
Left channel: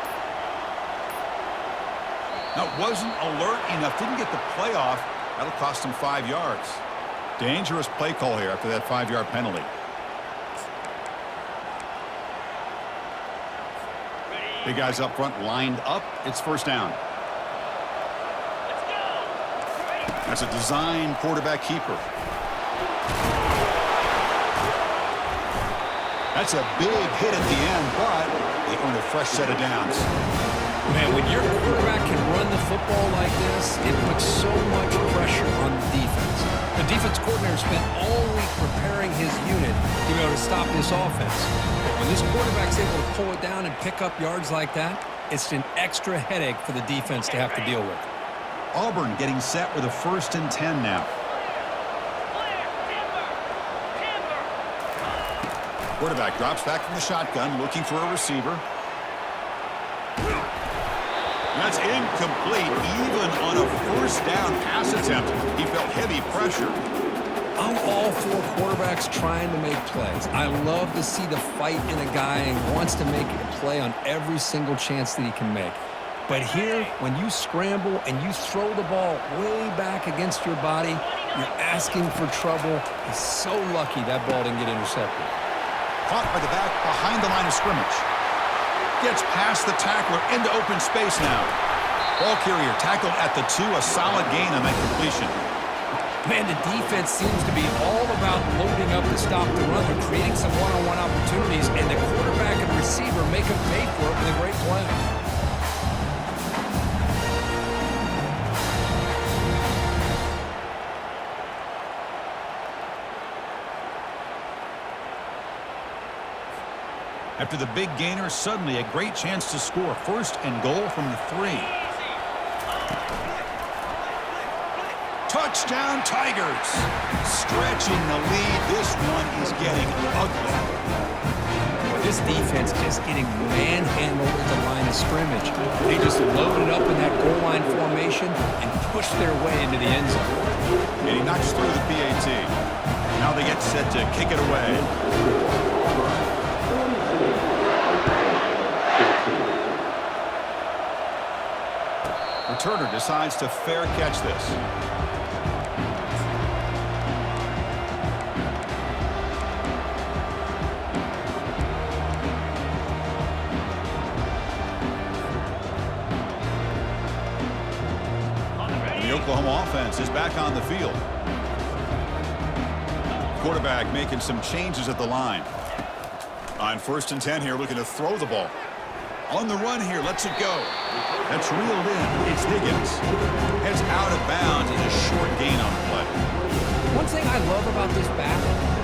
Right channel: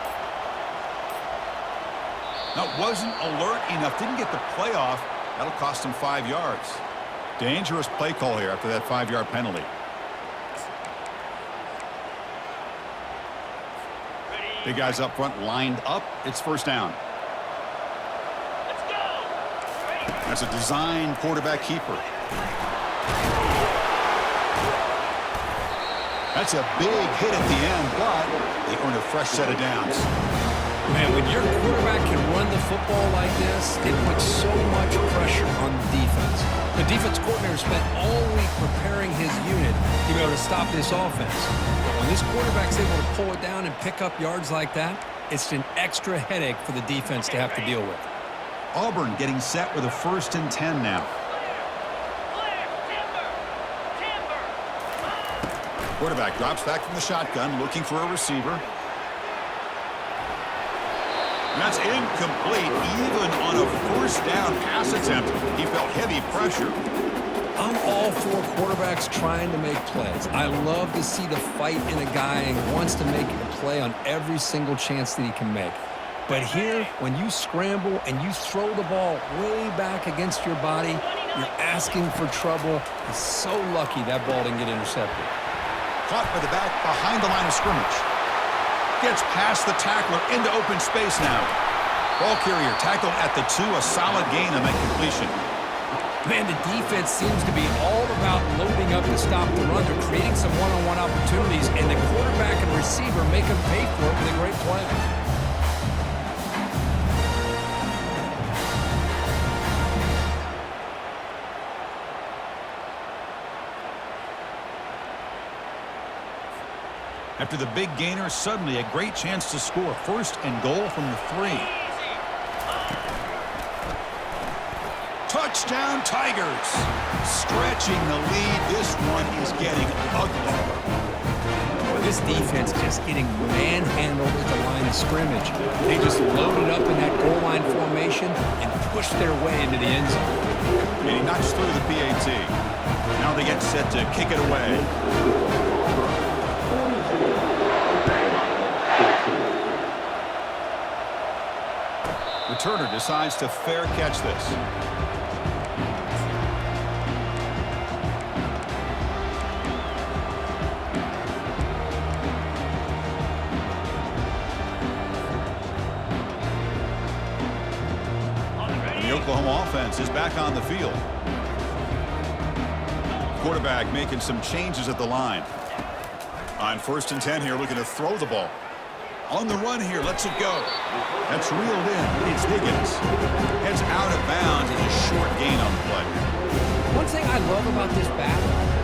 Now, wasn't alert enough. Didn't get the play off. That'll cost him 5 yards. Dangerous play call here after that 5-yard penalty. Big guys up front lined up. It's first down. Let's go. That's a design quarterback keeper. That's a big hit at the end, but they earn a fresh set of downs. Man, when your quarterback can run the football like this, it puts so much pressure on the defense. The defense coordinator spent all week preparing his unit to be able to stop this offense. But when this quarterback's able to pull it down and pick up yards like that, it's an extra headache for the defense to have to deal with. Auburn getting set with a 1st and 10 now. Quarterback drops back from the shotgun, looking for a receiver. And that's incomplete, even on a first down pass attempt. He felt heavy pressure. I'm all for quarterbacks trying to make plays. I love to see the fight in a guy who wants to make a play on every single chance that he can make. But here, when you scramble and you throw the ball way back against your body, you're asking for trouble. He's so lucky that ball didn't get intercepted. Caught by the back behind the line of scrimmage. Gets past the tackler into open space now. Ball carrier tackled at the 2. A solid gain on that completion. Man, the defense seems to be all about loading up to stop the run. They're creating some one-on-one opportunities, and the quarterback and receiver make them pay for it with a great play. After the big gainer, suddenly a great chance to score. 1st and goal from the 3. Touchdown, Tigers. Stretching the lead. This one is getting ugly. Boy, this defense just getting manhandled at the line of scrimmage. They just loaded up in that goal line formation and pushed their way into the end zone. And he knocks through the PAT. Now they get set to kick it away. Returner decides to fair catch this. And the Oklahoma offense is back on the field. Quarterback making some changes at the line. On 1st and 10 here, looking to throw the ball. On the run here, lets it go. That's reeled in. It's Higgins. Heads out of bounds as a short gain on the play. One thing I love about this back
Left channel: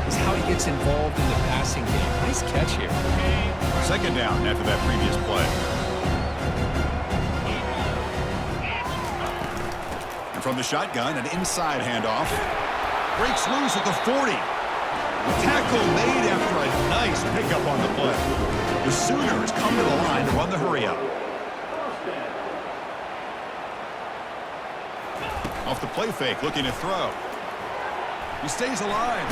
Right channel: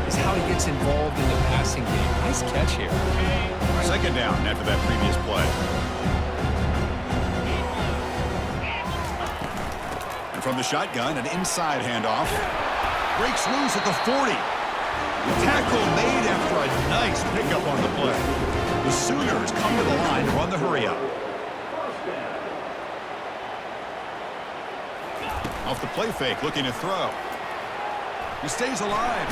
is how he gets involved in the passing game. Nice catch here. 2nd down after that previous play. From the shotgun, an inside handoff. Breaks loose at the 40. Tackle made after a nice pickup on the play. The Sooners come to the line to run the hurry-up. Off the play fake, looking to throw. He stays alive.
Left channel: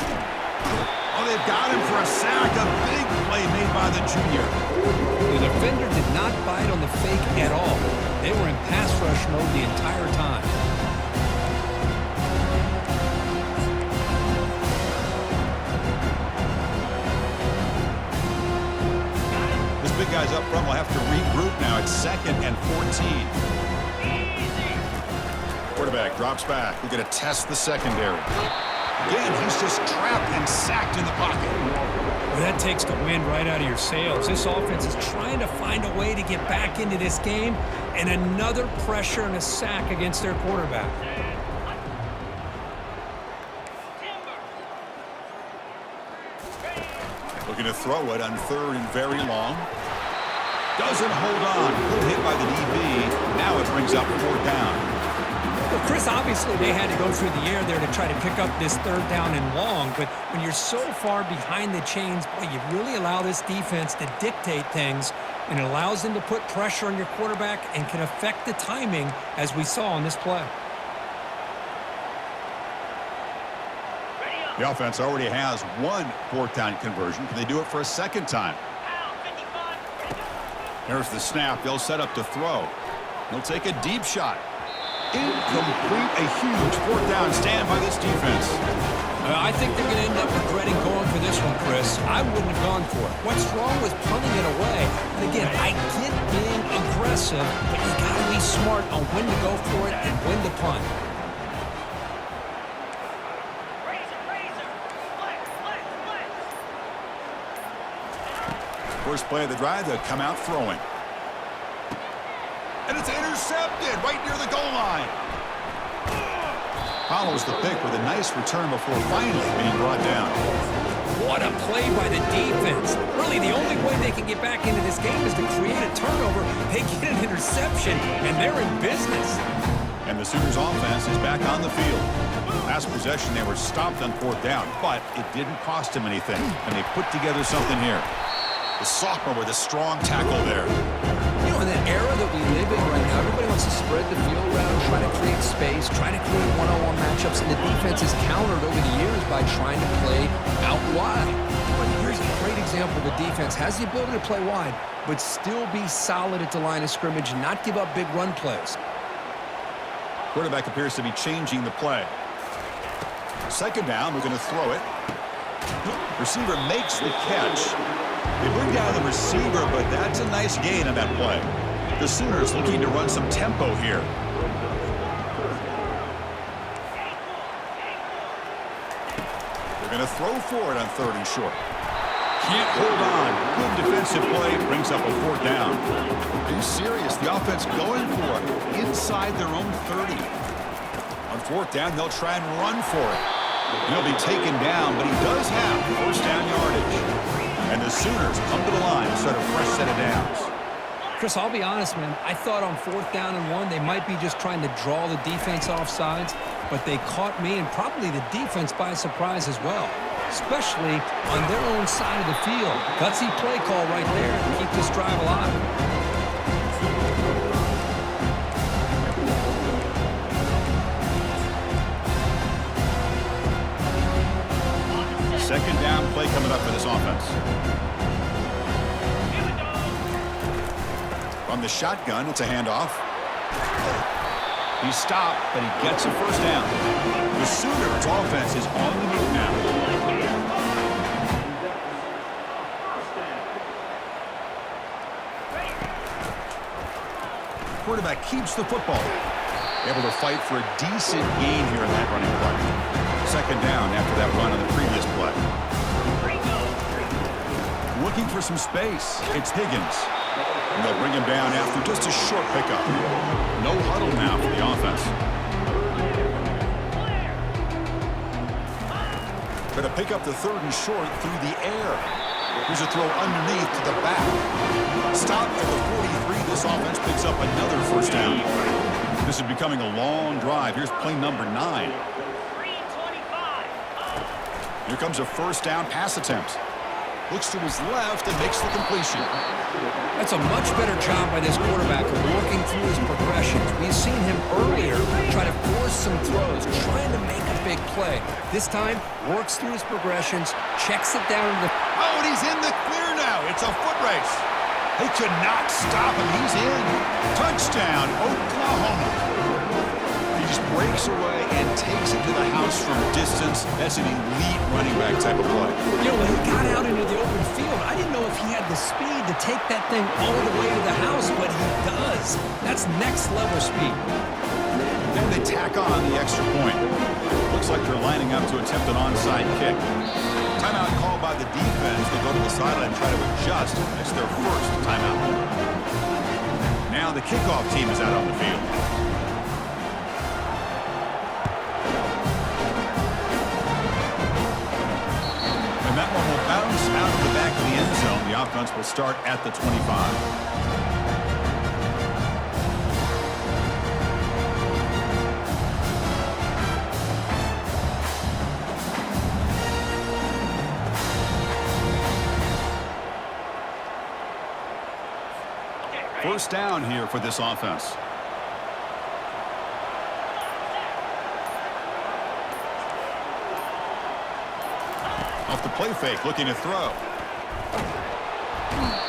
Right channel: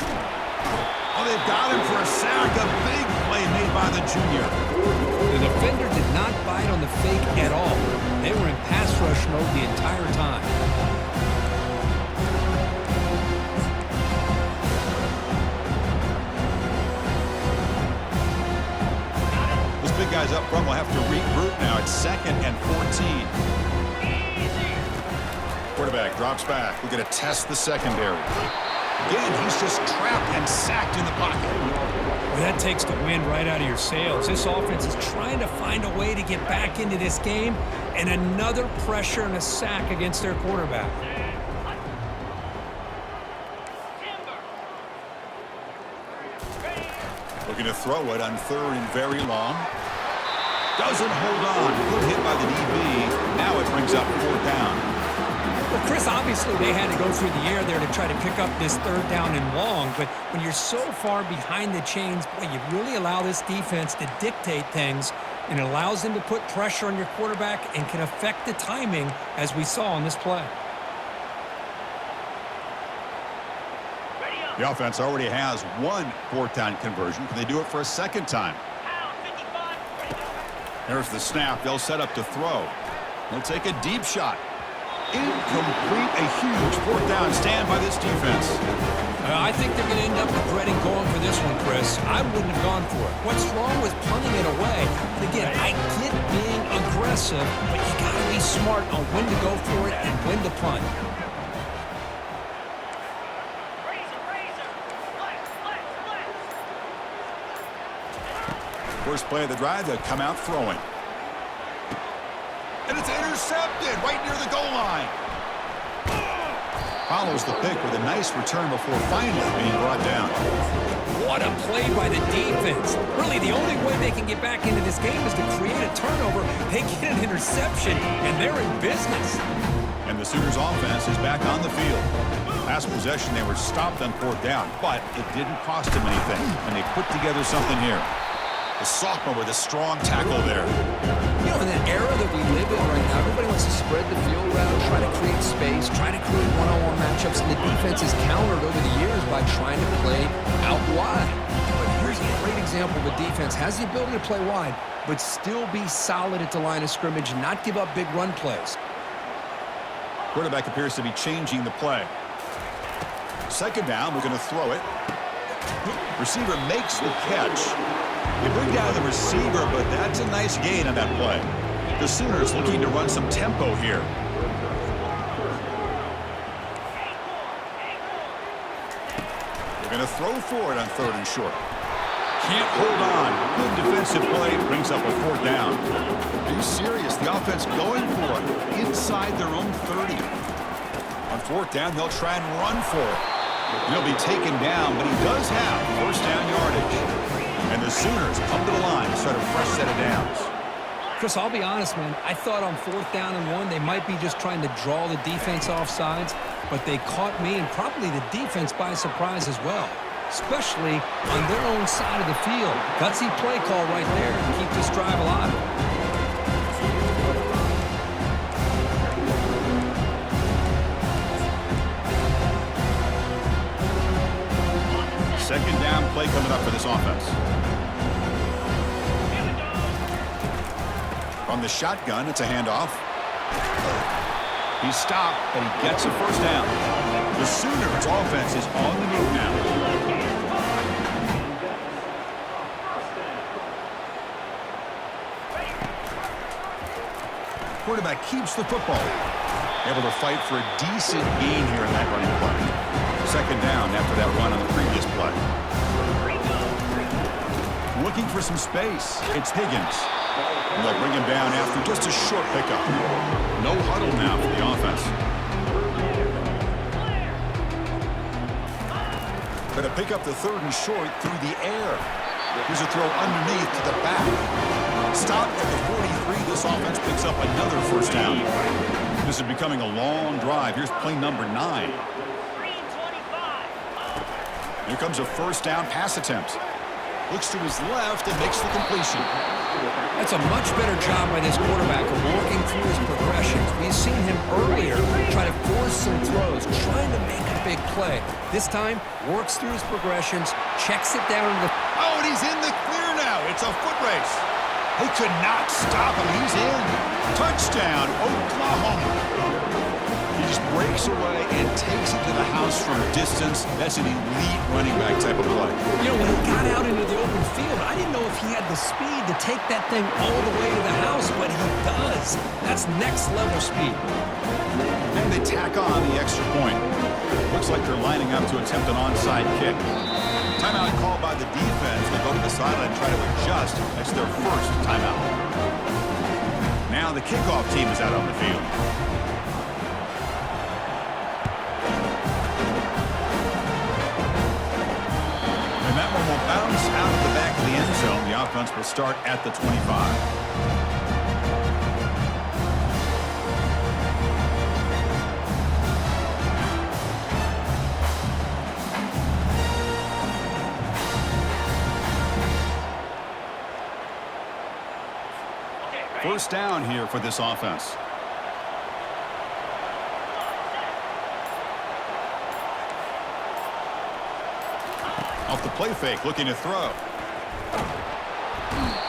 Oh, they've got him for a sack. A big play made by the junior. The defender did not bite on the fake at all. They were in pass rush mode the entire time. This big guy's up front will have to regroup now. It's 2nd and 14. Quarterback drops back. We're going to test the secondary. Again, he's just trapped and sacked in the pocket. Well, that takes the wind right out of your sails. This offense is trying to find a way to get back into this game, and another pressure and a sack against their quarterback. Looking to throw it on 3rd and very long. Doesn't hold on. Good hit by the DB. Now it brings up 4th down. Well, Chris, obviously they had to go through the air there to try to pick up this 3rd down and long, but when you're so far behind the chains, boy, you really allow this defense to dictate things, and it allows them to put pressure on your quarterback and can affect the timing, as we saw on this play. The offense already has one 4th down conversion. Can they do it for a 2nd time? There's the snap. They'll set up to throw. He'll take a deep shot. Incomplete. A huge 4th down stand by this defense. I think they're going to end up regretting going for this one, Chris. I wouldn't have gone for it. What's wrong with punting it away? And again, I get being aggressive, but you got to be smart on when to go for it and when to punt. First play of the drive, they'll come out throwing. And it's intercepted right near the goal line. Follows the pick with a nice return before finally being brought down. What a play by the defense. Really, the only way they can get back into this game is to create a turnover. They get an interception, and they're in business. And the Sooners offense is back on the field. Last possession, they were stopped on 4th down, but it didn't cost them anything, and they put together something here. The sophomore with a strong tackle there. You know, in that era that we live in right now, everybody wants to spread the field around, try to create space, try to create one-on-one matchups, and the defense is countered over the years by trying to play out wide. But here's a great example. The defense has the ability to play wide, but still be solid at the line of scrimmage and not give up big run plays. Quarterback appears to be changing the play. 2nd down, we're going to throw it. Receiver makes the catch. They bring down the receiver, but that's a nice gain on that play. The Sooners looking to run some tempo here. They're going to throw for it on 3rd and short. Can't hold on. Good defensive play. Brings up a 4th down. Are you serious? The offense going for it inside their own 30. On 4th down, they'll try and run for it. And he'll be taken down, but he does have 1st down yardage. And the Sooners come to the line to start a fresh set of downs. Chris, I'll be honest, man. I thought on 4th down and 1, they might be just trying to draw the defense off sides, but they caught me and probably the defense by surprise as well, especially on their own side of the field. Gutsy play call right there to keep this drive alive. 2nd down play coming up for this offense. From the shotgun, it's a handoff. He's stopped, but he gets a 1st down. The Sooners offense is on the move now. Quarterback keeps the football. Able to fight for a decent gain here in that running play. 2nd down after that run on the previous play. Looking for some space. It's Higgins. And they'll bring him down after just a short pickup. No huddle now for the offense. Going to pick up the 3rd and short through the air. Here's a throw underneath to the back. Stopped at the 43. This offense picks up another 1st down. This is becoming a long drive. Here's play number 9. Green 25. Here comes a first down pass attempt. Looks to his left and makes the completion. That's a much better job by this quarterback of working through his progressions. We've seen him earlier try to force some throws, trying to make a big play. This time, works through his progressions, checks it down to the... Oh, and he's in the clear now. It's a foot race. They could not stop him. He's in. Touchdown, Oklahoma. He just breaks away and takes it to the house from distance. That's an elite running back type of play. You know, when he got out into the open field, I didn't know if he had the speed to take that thing all the way to the house, but he does. That's next level speed. Then they tack on the extra point. Looks like they're lining up to attempt an onside kick. Timeout called by the defense. They go to the sideline and try to adjust. That's their first timeout. Now the kickoff team is out on the field. And that one will bounce out of the back of the end zone. The offense will start at the 25. First down here for this offense. Off the play fake, looking to throw.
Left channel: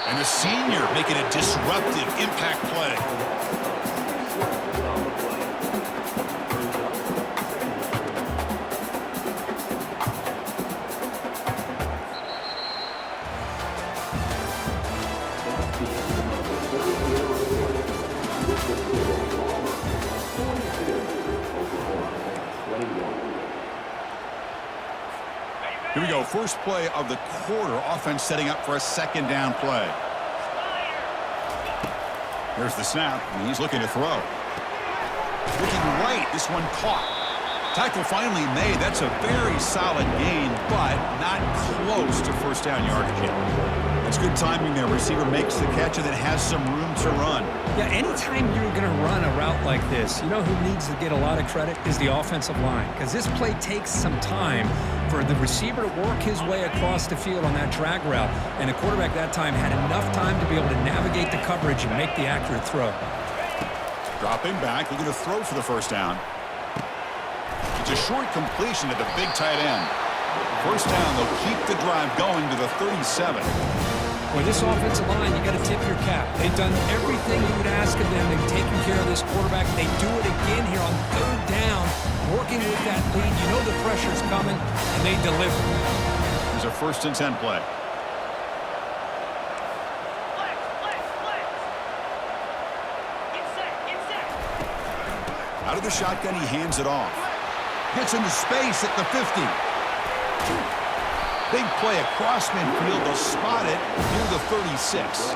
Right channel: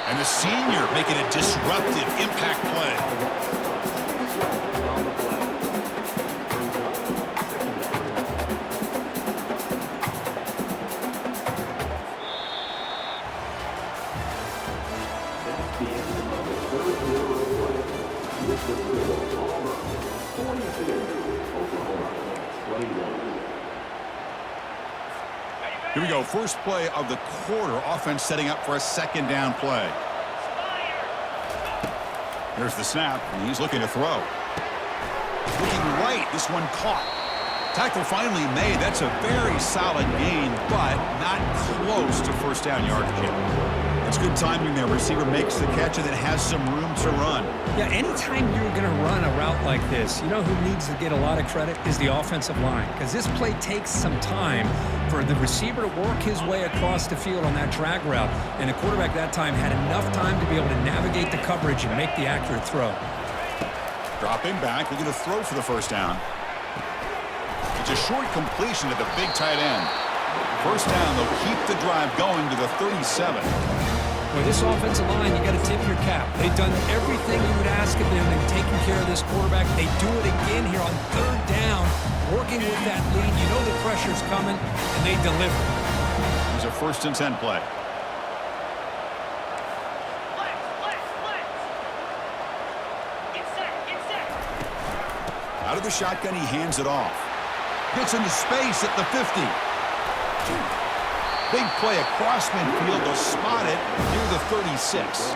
And the senior making a disruptive impact play. Here we go, first play of the quarter. Offense setting up for a second down play. Here's the snap, and he's looking to throw. Looking right, this one caught. Tackle finally made. That's a very solid gain, but not close to first down yardage yet. That's good timing there. Receiver makes the catch and then has some room to run. Yeah, anytime you're going to run a route like this, you know who needs to get a lot of credit is the offensive line, because this play takes some time for the receiver to work his way across the field on that drag route, and the quarterback that time had enough time to be able to navigate the coverage and make the accurate throw. Dropping back, looking to throw for the first down. It's a short completion to the big tight end. First down, they'll keep the drive going to the 37. Boy, this offensive line, you got to tip your cap. They've done everything you would ask of them. They've taken care of this quarterback. They do it again here on third down, working with that lead. You know the pressure's coming, and they deliver. Here's a 1st and 10 play. Get set. Out of the shotgun, he hands it off. Gets into space at the 50. Big play across midfield. They'll spot it near the 36.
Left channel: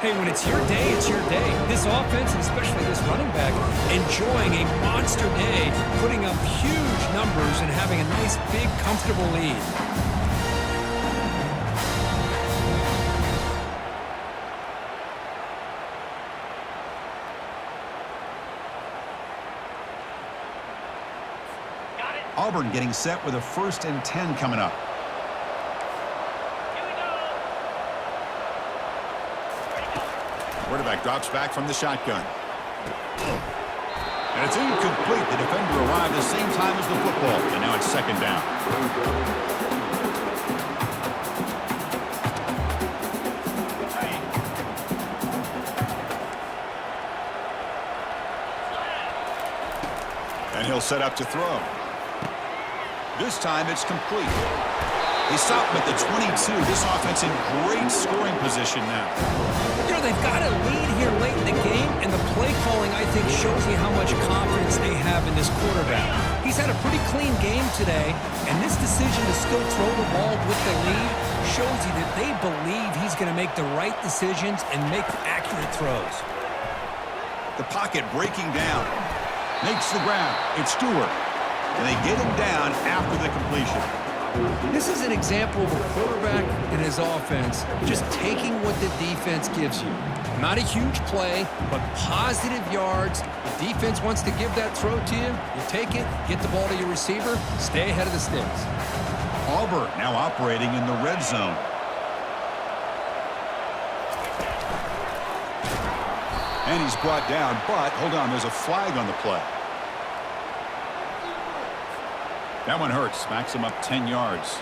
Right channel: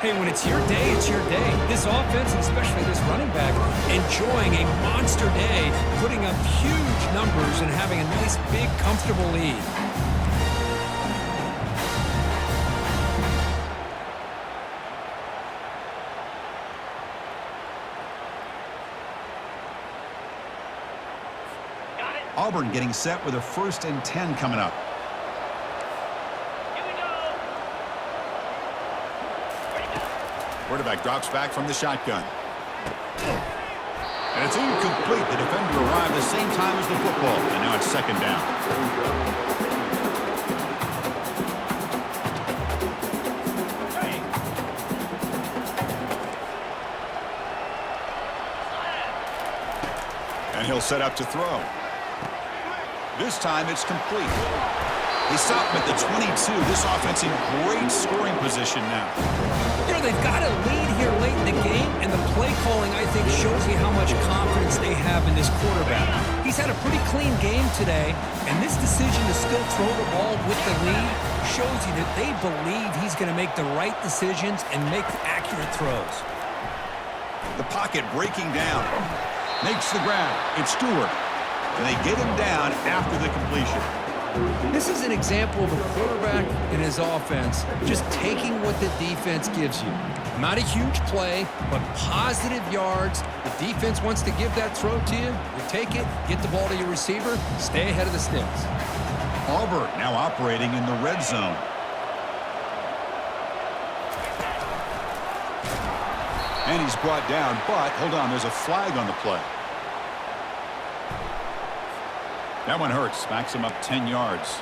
Hey, when it's your day, it's your day. This offense, and especially this running back, enjoying a monster day, putting up huge numbers and having a nice, big, comfortable lead. Auburn getting set with a 1st and 10 coming up. Here we go. Ready to go. Quarterback drops back from the shotgun. And it's incomplete. The defender arrived the same time as the football. And now it's 2nd down. Hey. And he'll set up to throw. This time it's complete. They stop him at the 22. This offense in great scoring position now. You know, they've got a lead here late in the game, and the play calling, I think, shows you how much confidence they have in this quarterback. He's had a pretty clean game today, and this decision to still throw the ball with the lead shows you that they believe he's going to make the right decisions and make accurate throws. The pocket breaking down. Makes the grab. It's Stewart. And they get him down after the completion. This is an example of a quarterback and his offense just taking what the defense gives you. Not a huge play, but positive yards. The defense wants to give that throw to you. You take it, get the ball to your receiver, stay ahead of the sticks. Auburn now operating in the red zone. And he's brought down, but hold on, there's a flag on the play. That one hurts, smacks him up 10 yards.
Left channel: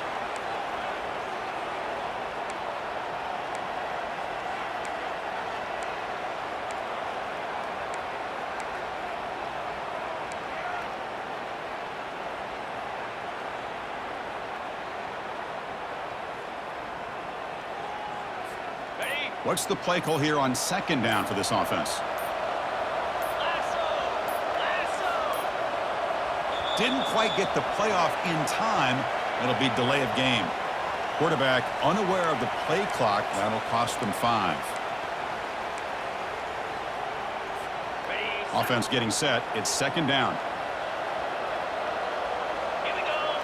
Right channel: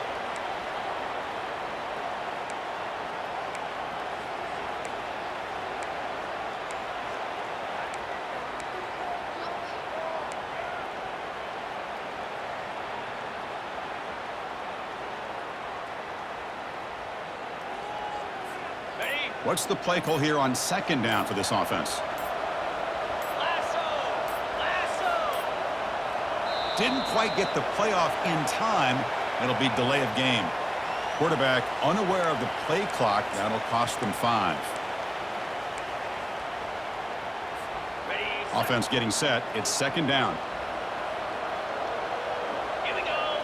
Ready? What's the play call here on second down for this offense? Lasso! Lasso! Didn't quite get the playoff in time. It'll be delay of game. Quarterback unaware of the play clock. That'll cost them 5. Ready? Offense getting set. It's second down. Here we go.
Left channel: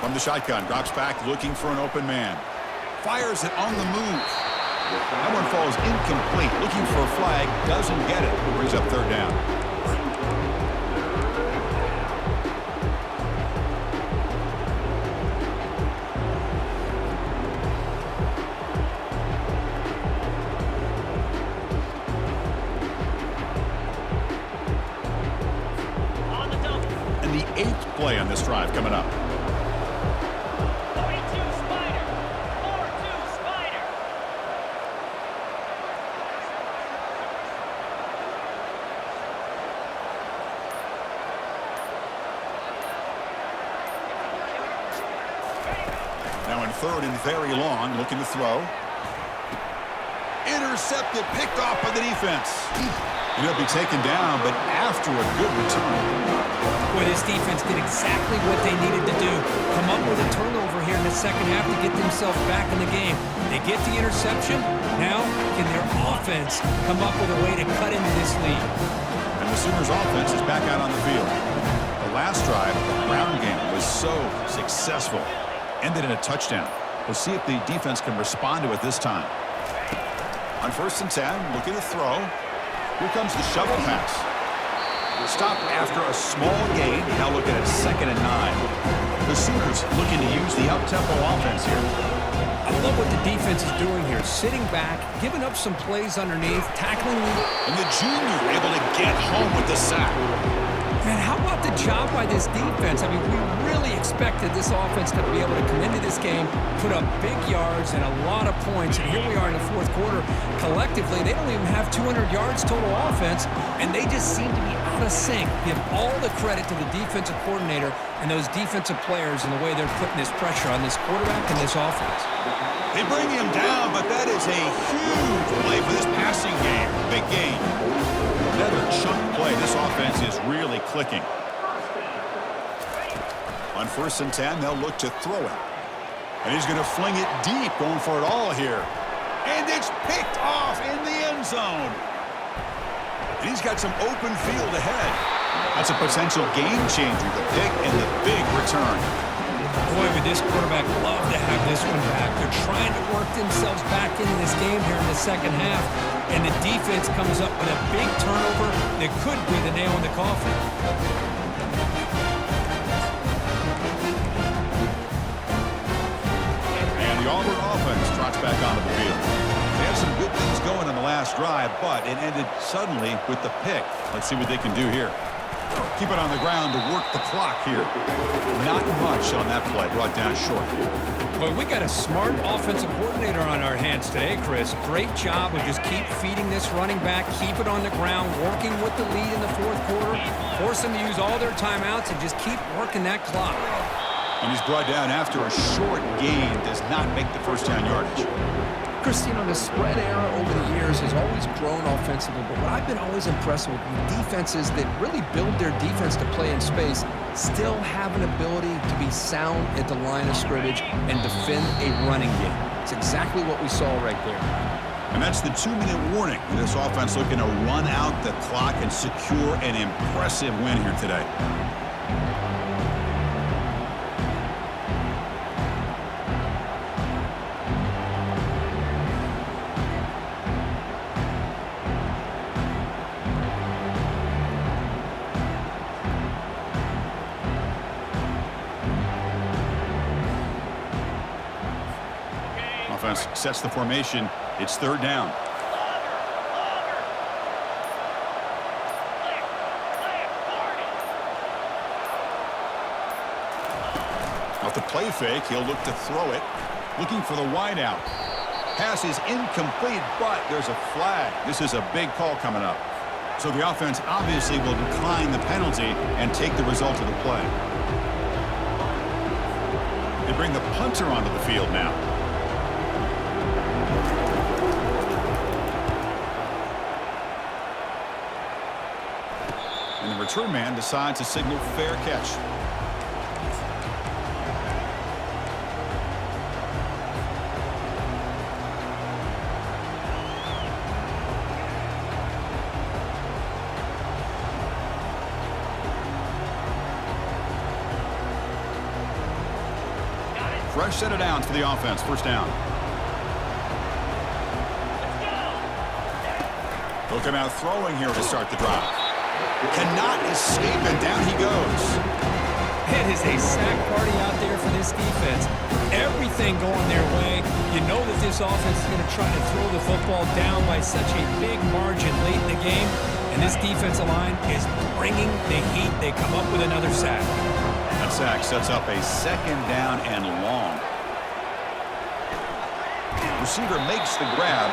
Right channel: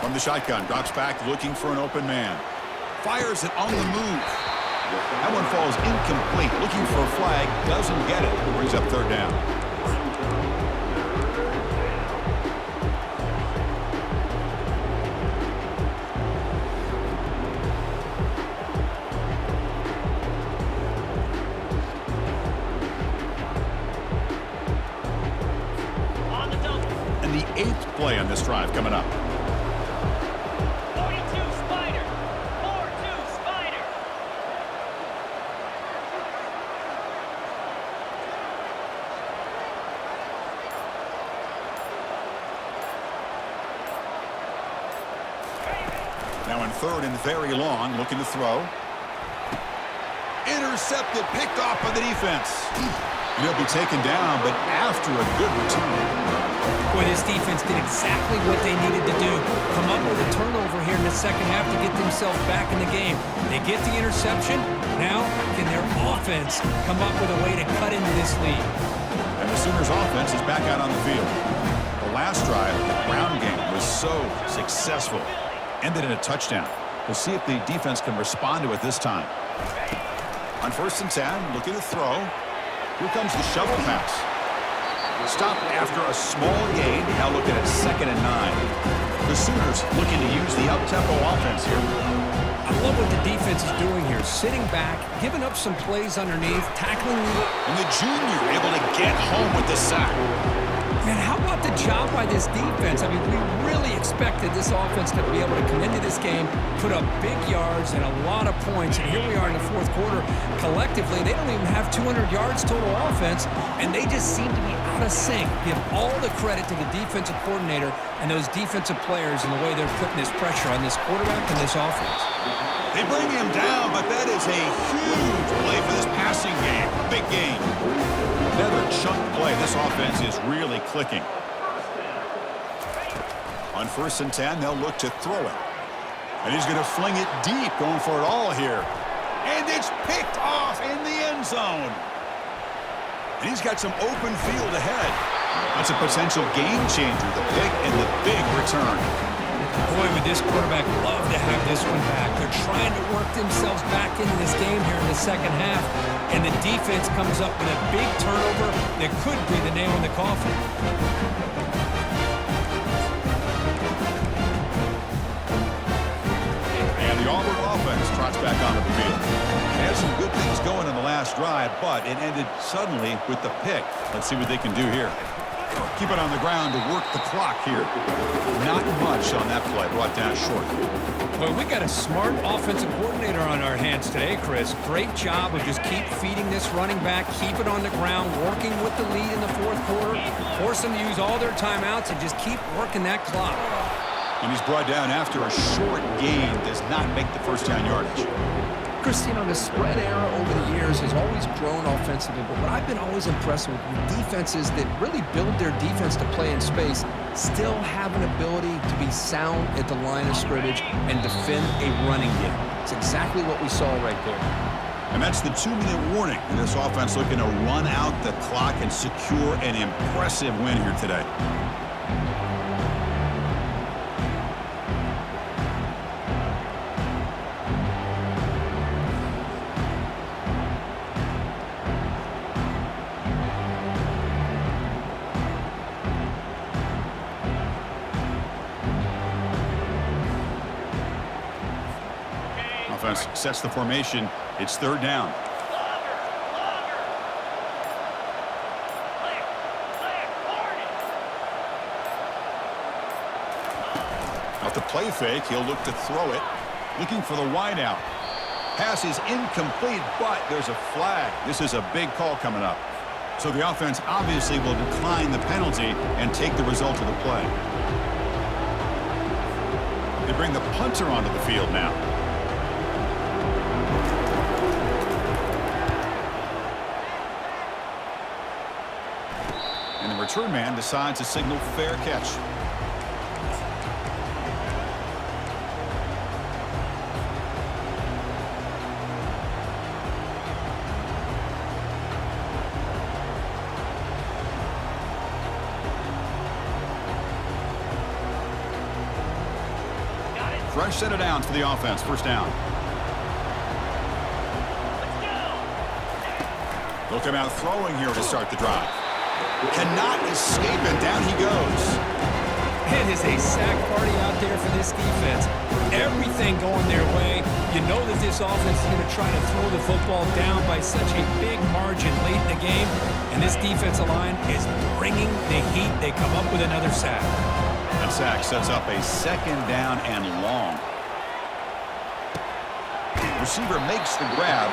From the shotgun, drops back looking for an open man. Fires it on the move. That one falls incomplete. Looking for a flag. Doesn't get it. Brings up third down. On the double. And the 8th play on this drive coming up. 42 Spider. 4-2 Spider. Now in third and very long, looking to throw. Intercepted, picked off by the defense. And he'll be taken down, but after a good return. Boy, this defense did exactly what they needed to do. Come up with a turnover here in the second half to get themselves back in the game. They get the interception. Now, can their offense come up with a way to cut into this lead? And the Sooners offense is back out on the field. The last drive, the ground game, was so successful. Ended in a touchdown. We'll see if the defense can respond to it this time. On 1st and 10, looking to throw. Here comes the shovel pass. Stopped after a small gain. Now looking at 2nd and 9. The Sooners looking to use the up-tempo offense here. I love what the defense is doing here. Sitting back, giving up some plays underneath, tackling. And the junior able to get home with the sack. Man, how about the job by this defense? I mean, we really expected this offense to be able to come into this game, put up big yards and a lot of points, and here we are in the 4th quarter. Collectively, they don't even have 200 yards total offense, and they just seem to be out of sync. Give all the credit to the defensive coordinator and those defensive players in the way they're putting this pressure on this quarterback and this offense. They bring him down, but that is a huge play for this passing game. Big gain. Another chunk play. This offense is really clicking. On 1st and 10, they'll look to throw it. And he's going to fling it deep, going for it all here. And it's picked off in the end zone. And he's got some open field ahead. That's a potential game changer, the pick and the big return. Boy, would this quarterback love to have this one back. They're trying to work themselves back into this game here in the second half, and the defense comes up with a big turnover that could be the nail in the coffin. And the Auburn offense trots back onto the field. They had some good things going in the last drive, but it ended suddenly with the pick. Let's see what they can do here. Keep it on the ground to work the clock here. Not much on that play, brought down short. Well, we got a smart offensive coordinator on our hands today, Chris. Great job of just keep feeding this running back, keep it on the ground, working with the lead in the 4th quarter, force them to use all their timeouts, and just keep working that clock. And he's brought down after a short gain, does not make the first down yardage. Chris, you know, the spread era over the years has always grown offensively, but what I've been always impressed with defenses that really build their defense to play in space still have an ability to be sound at the line of scrimmage and defend a running game. It's exactly what we saw right there. And that's the 2-minute warning. And this offense looking to run out the clock and secure an impressive win here today. defense sets the formation. It's third down. Longer, longer. Clear, clear, Hornet. Off the play fake, he'll look to throw it. Looking for the wideout. Pass is incomplete, but there's a flag. This is a big call coming up. So the offense obviously will decline the penalty and take the result of the play. They bring the punter onto the field now. And the return man decides to signal fair catch. Fresh set of downs for the offense. First down. Let's go. They'll come out throwing here to start the drive. Cannot escape, and down he goes. It is a sack party out there for this defense. Everything going their way. You know that this offense is going to try to throw the football down by such a big margin late in the game. And this defensive line is bringing the heat. They come up with another sack. That sack sets up a second down and long. Receiver makes the grab.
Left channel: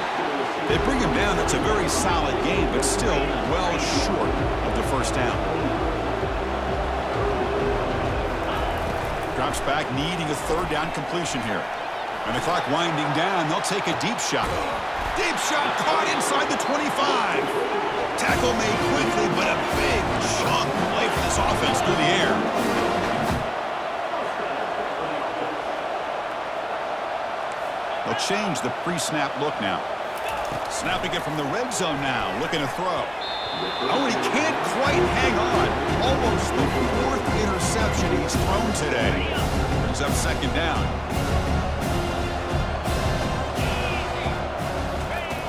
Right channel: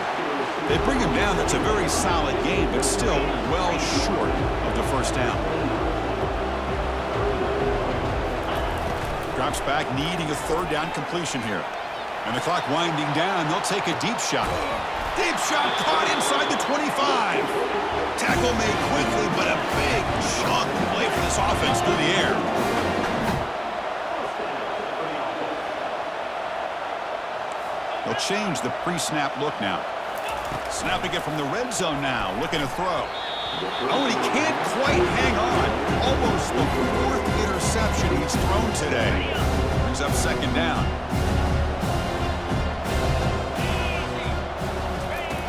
They bring him down. That's a very solid game, but still well short of the first down. Drops back, needing a third down completion here. And the clock winding down. They'll take a deep shot. Deep shot caught inside the 25. Tackle made quickly, but a big chunk play for this offense through the air. They'll change the pre-snap look now. Snapping it from the red zone now, looking to throw. Oh, and he can't quite hang on. Almost the fourth interception he's thrown today. Brings up second down.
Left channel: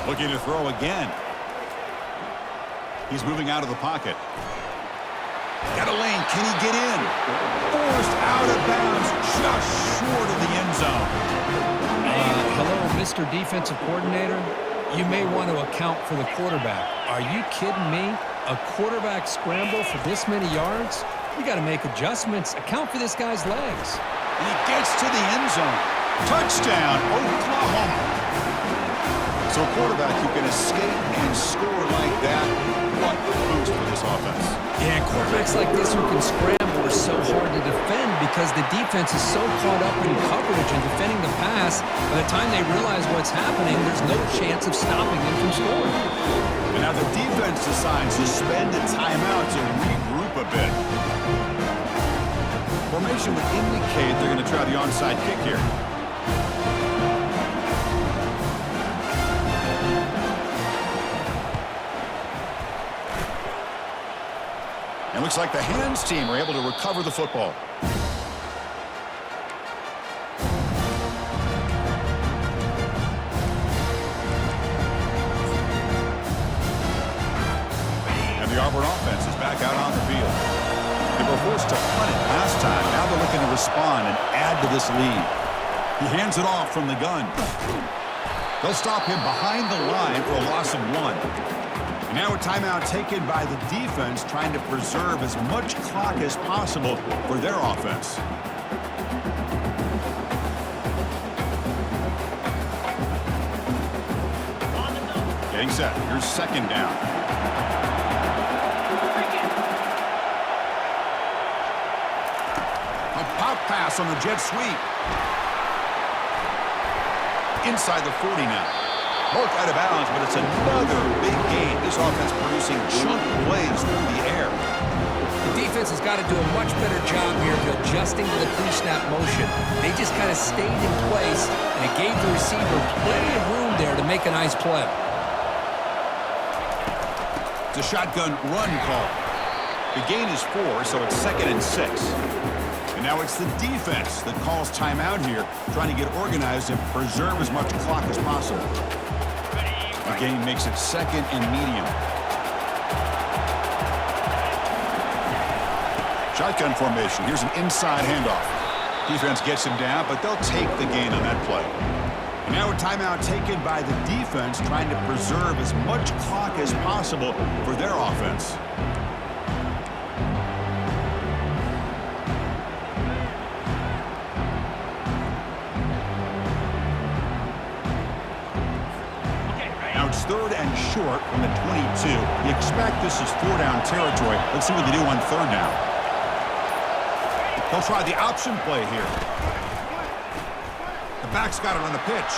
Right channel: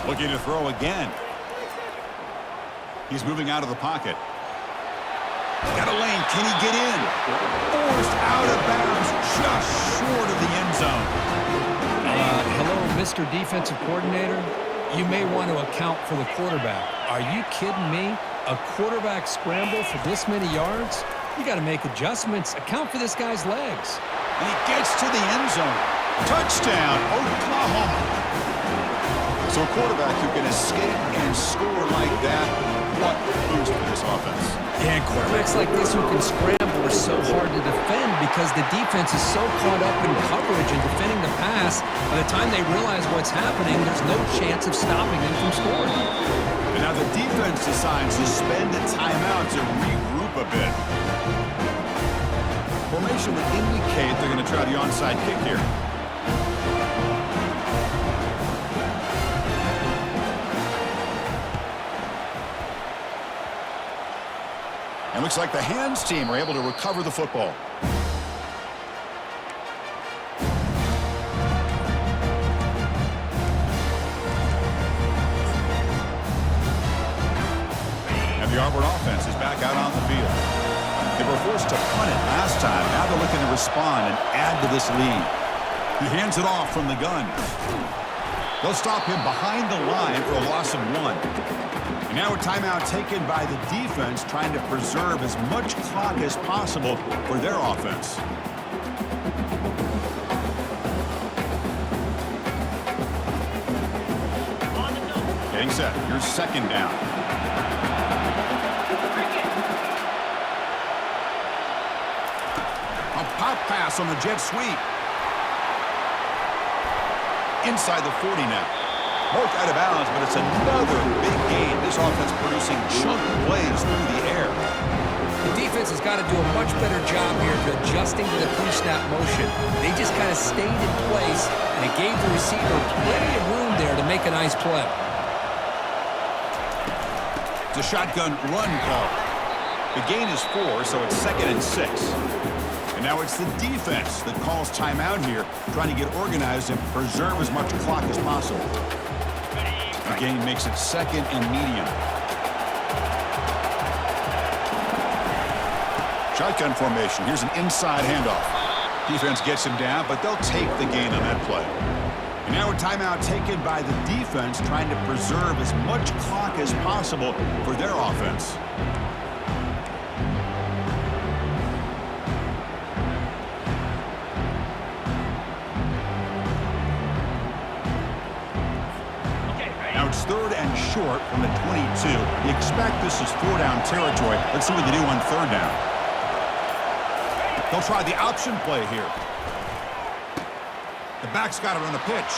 Looking to throw again. He's moving out of the pocket. Got a lane. Can he get in? Forced out of bounds, just short of the end zone. Hello, Mr. Defensive Coordinator. You may want to account for the quarterback. Are you kidding me? A quarterback scramble for this many yards? You got to make adjustments. Account for this guy's legs. And he gets to the end zone. Touchdown, Oklahoma. So a quarterback who can escape and score like that, what a boost for this offense. Yeah, and quarterbacks like this who can scramble are so hard to defend because the defense is so caught up in coverage and defending the pass. By the time they realize what's happening, there's no chance of stopping them from scoring. And now the defense decides to spend a timeout to regroup a bit. Formation would indicate they're going to try the onside kick here. And looks like the hands team are able to recover the football. And the Auburn offense is back out on the field. They were forced to punt it last time. Now they're looking to respond and add to this lead. He hands it off from the gun. They'll stop him behind the line for a loss of 1. And now a timeout taken by the defense, trying to preserve as much clock as possible for their offense. On the double. Getting set. Here's second down. A pop pass on the jet sweep. Inside the 40 now. Marked out of bounds, but it's another big gain. This offense producing chunk plays through the air. The defense has got to do a much better job here of adjusting to the pre-snap motion. They just kind of stayed in place, and it gave the receiver plenty of room there to make a nice play. It's a shotgun run call. The gain is 4, so it's 2nd and 6. And now it's the defense that calls timeout here, trying to get organized and preserve as much clock as possible. The gain makes it 2nd and medium. Shotgun formation. Here's an inside handoff. Defense gets him down, but they'll take the gain on that play. And now a timeout taken by the defense, trying to preserve as much clock as possible for their offense. Now it's 3rd and short from the 22. You expect this is 4-down territory. Let's see what they do on 3rd down. They'll try the option play here. The back's got it on the pitch.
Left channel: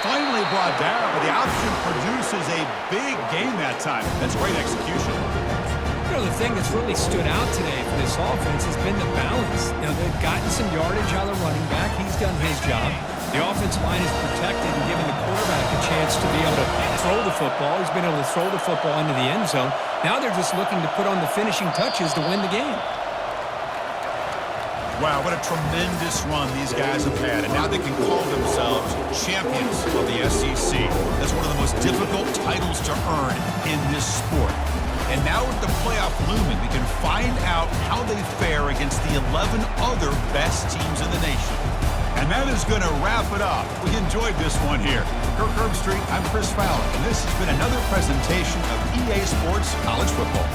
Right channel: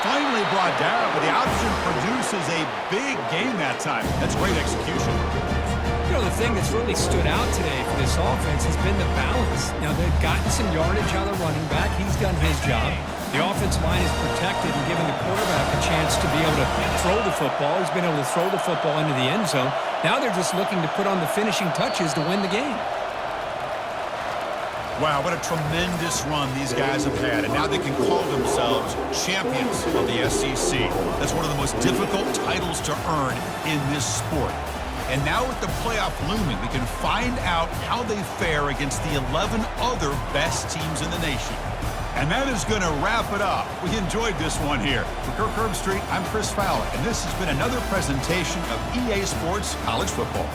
Finally brought down, but the option produces a big gain that time. That's great execution. You know, the thing that's really stood out today for this offense has been the balance. You know, they've gotten some yardage out of the running back. He's done his job. The offensive line is protected and given the quarterback a chance to be able to throw the football. He's been able to throw the football into the end zone. Now they're just looking to put on the finishing touches to win the game. Wow, what a tremendous run these guys have had, and now they can call themselves champions of the SEC. That's one of the most difficult titles to earn in this sport. And now with the playoff looming, we can find out how they fare against the 11 other best teams in the nation. And that is going to wrap it up. We enjoyed this one here. For Kirk Herbstreit, I'm Chris Fowler, and this has been another presentation of EA Sports College Football.